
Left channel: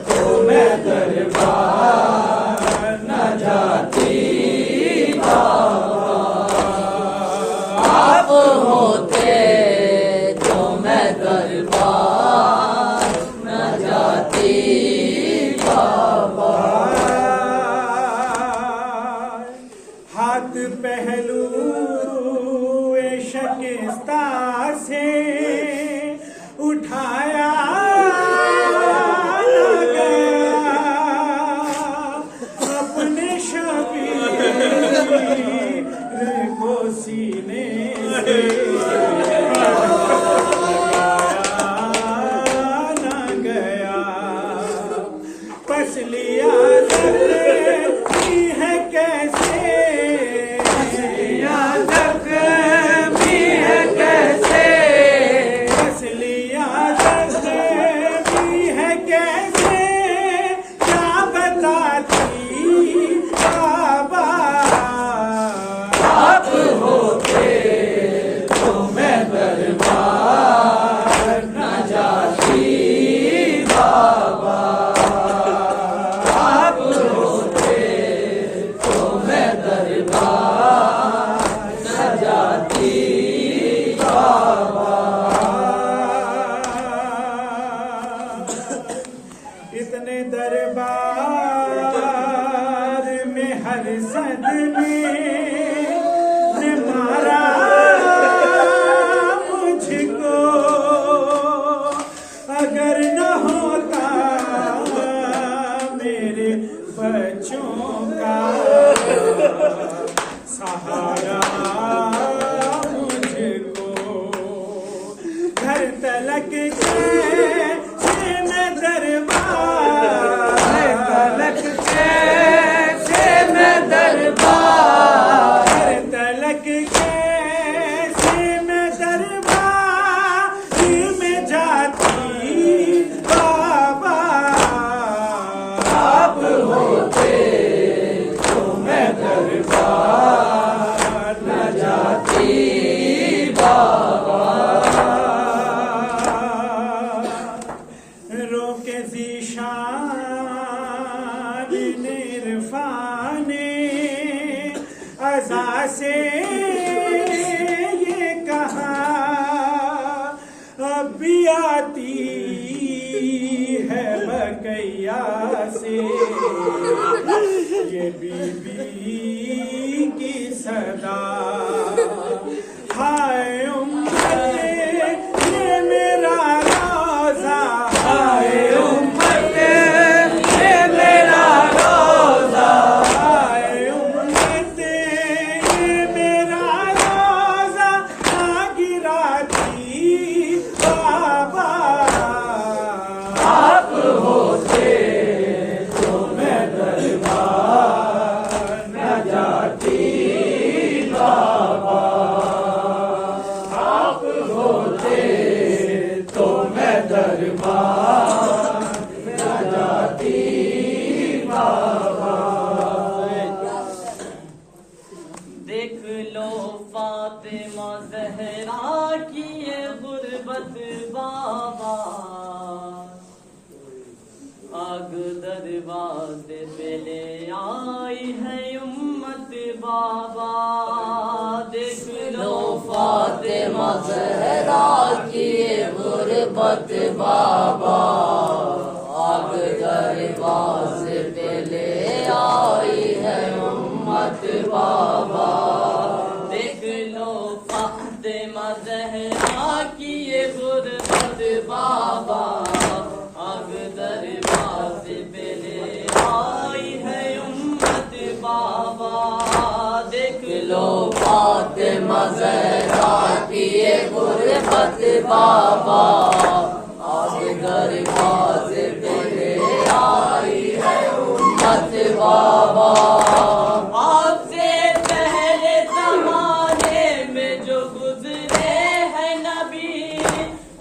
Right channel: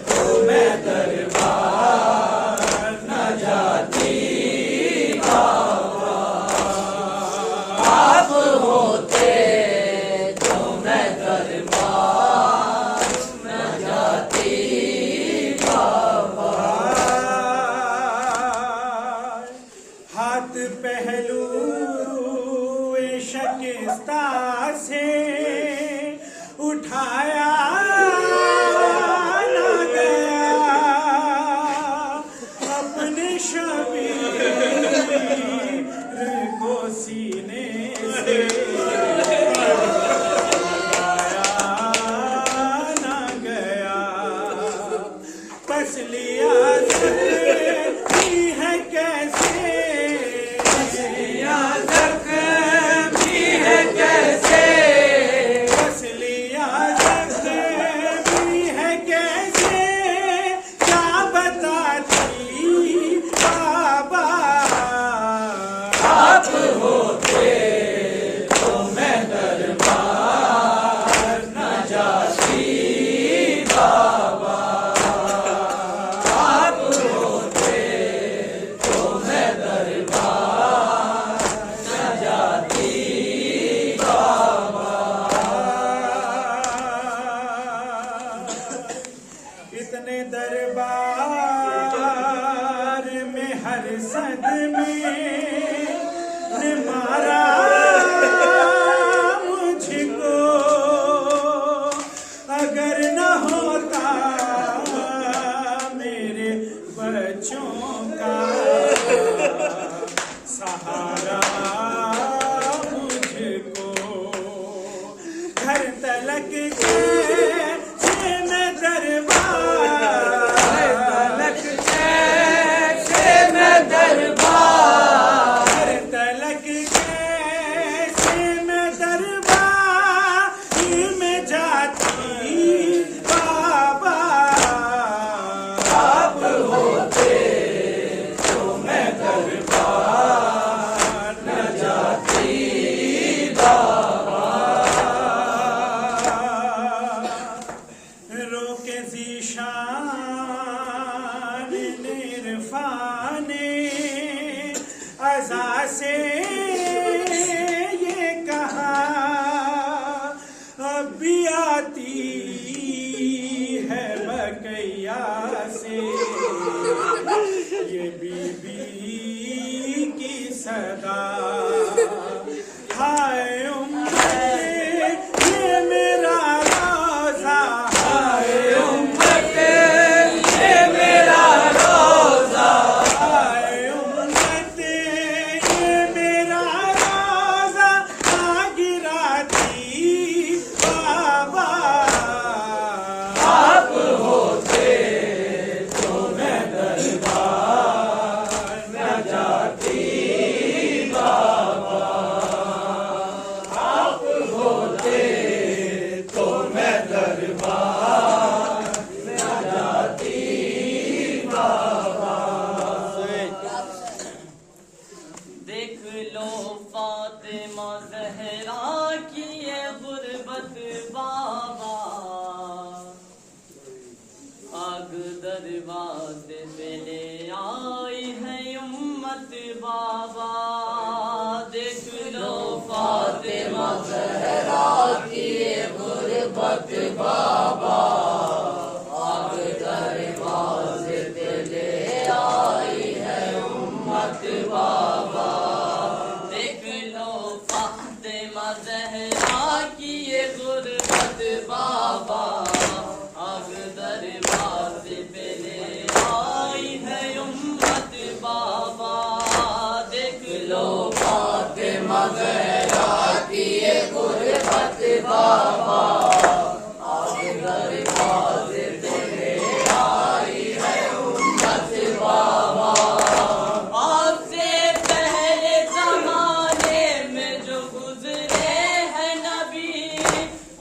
तो मैं दरबार न जाती बाबा। आप होते तो मैं दरबार न जाती बाबा। हाथ पहलू शिकस्ता से उठाया न गया, अपने शबीर को सीने से लगाया न गया। पसलियाँ ज़ख्मी है कैसे, पसलियाँ ज़ख्मी है कैसे, पसलियाँ ज़ख्मी है कैसे, क्या बताती बाबा। आप होते तो तलक कैसे मैं दरबार, तलक कैसे मैं दरबार, तलक कैसे मैं दरबार में जाती बाबा। आप होते तो मैं दरबार न जाती बाबा। रोके ज़ीशान निरफाने अज़ा से ये कहा अब भी आती है बकैया से ये बीबी की सदा। हाय उम्मते ये मेरा रोज़ा, हाय उम्मते ये मेरा रोज़ा, हाय उम्मते ये मेरा रोज़ा ना गिराती बाबा। आप होते तो मैं दरबार न जाती बाबा। आप होते तो मैं दरबार न जाती बाबा। देख लो फातिमा ज़हरा की ये गुर्बत बाबा, आग दरवाज़े पे ले आई है उम्मत बाबा। देख लो फातिमा ज़हरा की ये गुर्बत बाबा, आग दरवाज़े पे ले आई है उम्मत बाबा। देख लो फातिमा ज़हरा की ये गुर्बत बाबा, आग दरवाज़े पे ले आई है उम्मत बाबा। देख लो फातिमा ज़हरा की ये गुर्बत बाबा, आग दरवाज़े पे ले आई है उम्मत बाबा। आपसे पहले ज़माने में जो गुज़रे हैं नबी,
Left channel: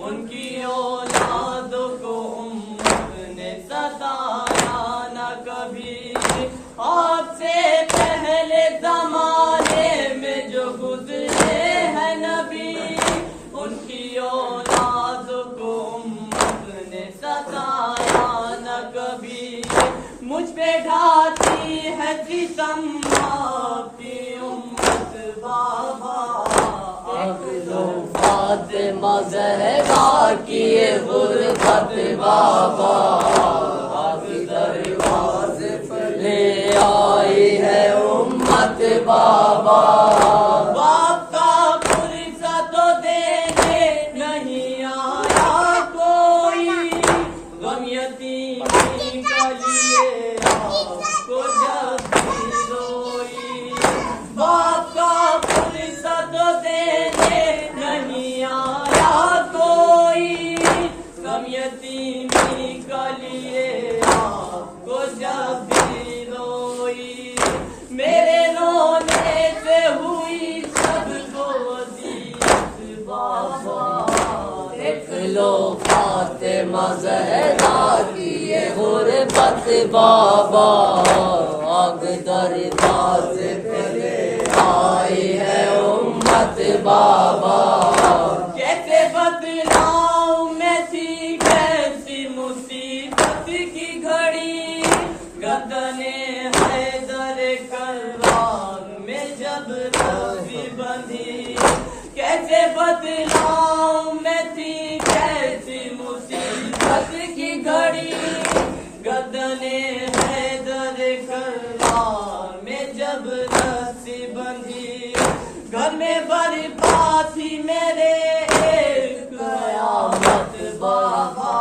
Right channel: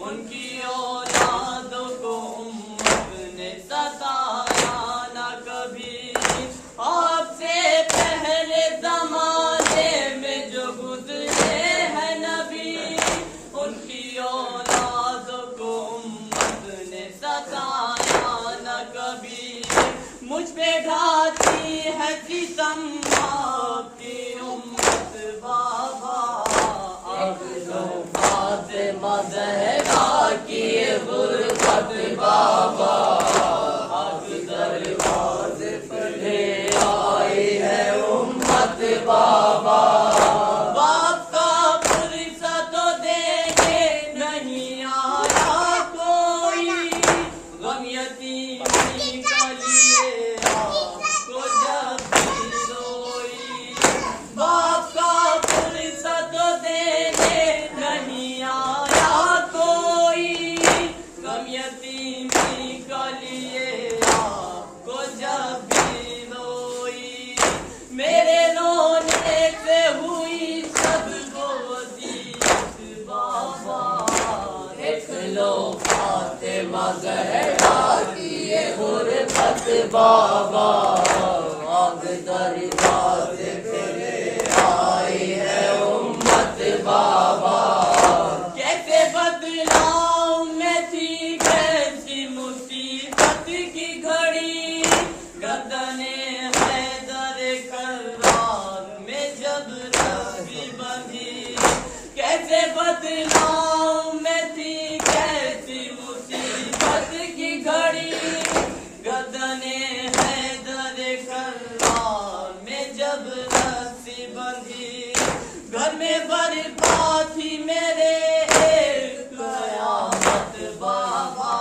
उनकी औलादों को उम्मत ने सताया न कभी। आपसे पहले ज़माने में जो गुज़रे हैं नबी, उनकी औलादों को उम्मत ने सताया न कभी। मुझ पे ढाती है सितम आपकी उम्मत बाबा। देख लो फातिमा ज़हरा की ये गुर्बत बाबा, आग दरवाज़े पे ले आई है उम्मत बाबा। बाप का पुरसा तो देने नहीं आया कोई, गम यतीमी का लिए आपको जब भी रोई। बाप का पुरसा तो देने नहीं आया कोई, गम यतीमी का लिए आपको जब भी रोई। मेरे रोने से हुई सबको वसीयत बाबा। देख लो फातिमा ज़हरा की ये गुर्बत बाबा, आग दरवाज़े पे ले आई है उम्मत बाबा। कैसे बदलाऊं मैं थी कैसी मुसीबत की घड़ी, गर्दने हैदर करार में जब रस्सी बंधी। कैसे बदलाऊं मैं थी कैसी मुसीबत की घड़ी, गर्दने हैदर करार में जब रस्सी बंधी। घर में बर्बाद थी मेरे एक कयामत बाबा।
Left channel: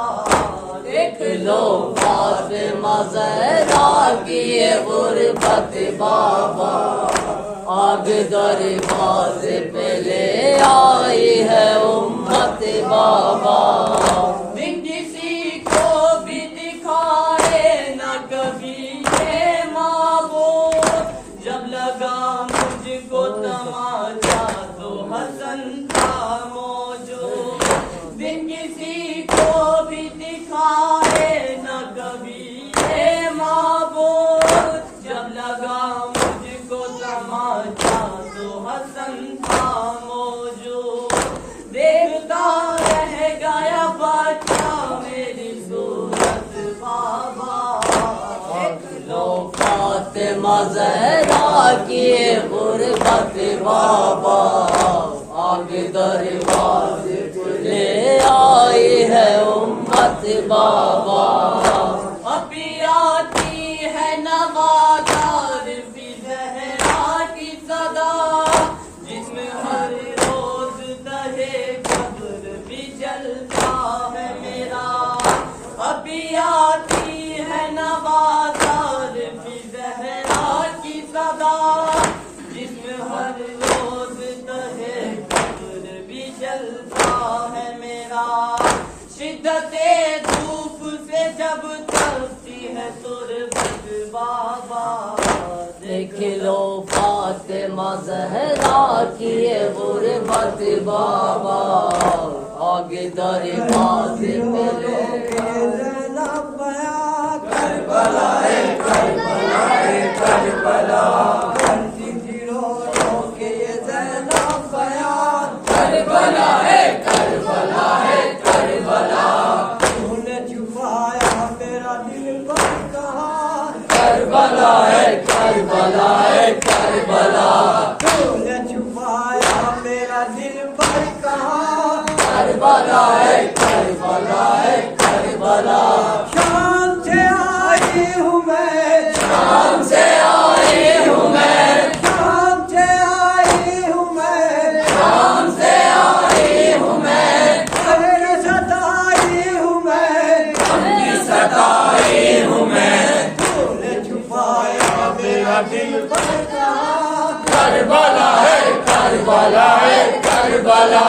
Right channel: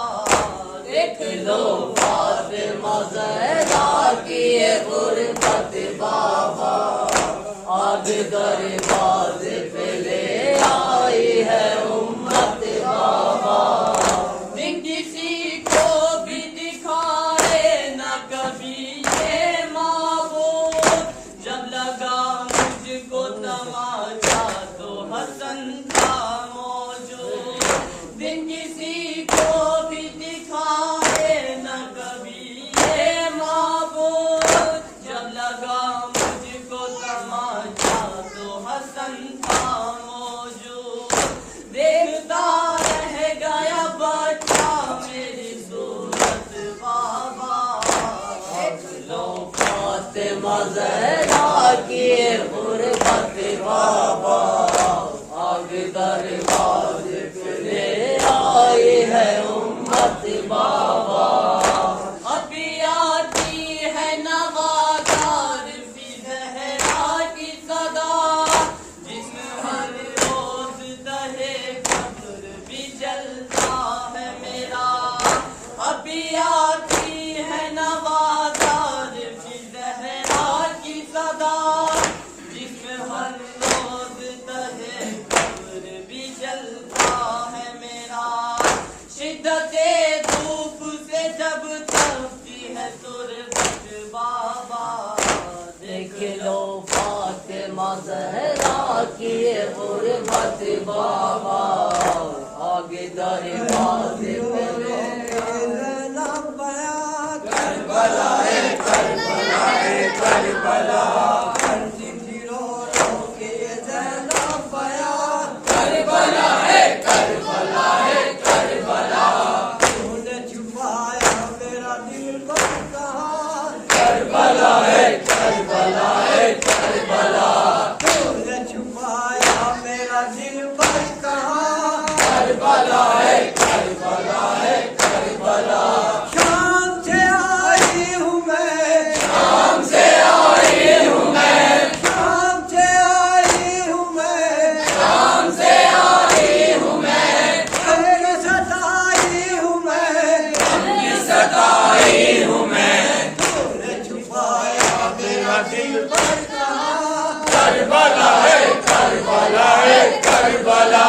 देख लो फातिमा ज़हरा की ये गुर्बत बाबा, आग दरवाज़े पे ले आई है उम्मत बाबा। हसन था मौजूद। दिन किसी को भी दिखाए न कभी ये माबूद। जब लगा मुझको तमाचा तो हसन था मौजूद। देखता रह गया बच्चा मेरी सूरत बाबा। लो फातिमा ज़हरा की गुरबत बाबा। आगे दरवाज़े ले आई है उम्मत बाबा। अभी आती है नवादार भी ज़हरा की सदा। जिसमें हर रोज दहे कब्र भी जलता है मेरा। अभी आती है नवादार भी ज़हरा की सदा। जिसमें हर रोज दहे कब्र भी जलता है मेरा। शिद्दते धूप से जब तपती है तुरबत बाबा। देख लो फातिमा ज़हरा की गुरबत बाबा। आगे दरवाज़े करबला है करबला है करबला। करबला है करबला है करबला। तूने छुपाया मेरा दिल पर कहाँ। करबला है करबला है करबला। तूने छुपाया मेरा दिल पर कहाँ। करबला है करबला है करबला। शाम से आई हूँ मैं। शाम से आई हूँ मैं। शाम से आई हूँ मैं। शाम से आई हूँ मैं। हमने सताई हूँ मैं। सताई हूँ मैं। तूने छुपाया मेरा दिल पर कहाँ। करबला है करबला है करबला।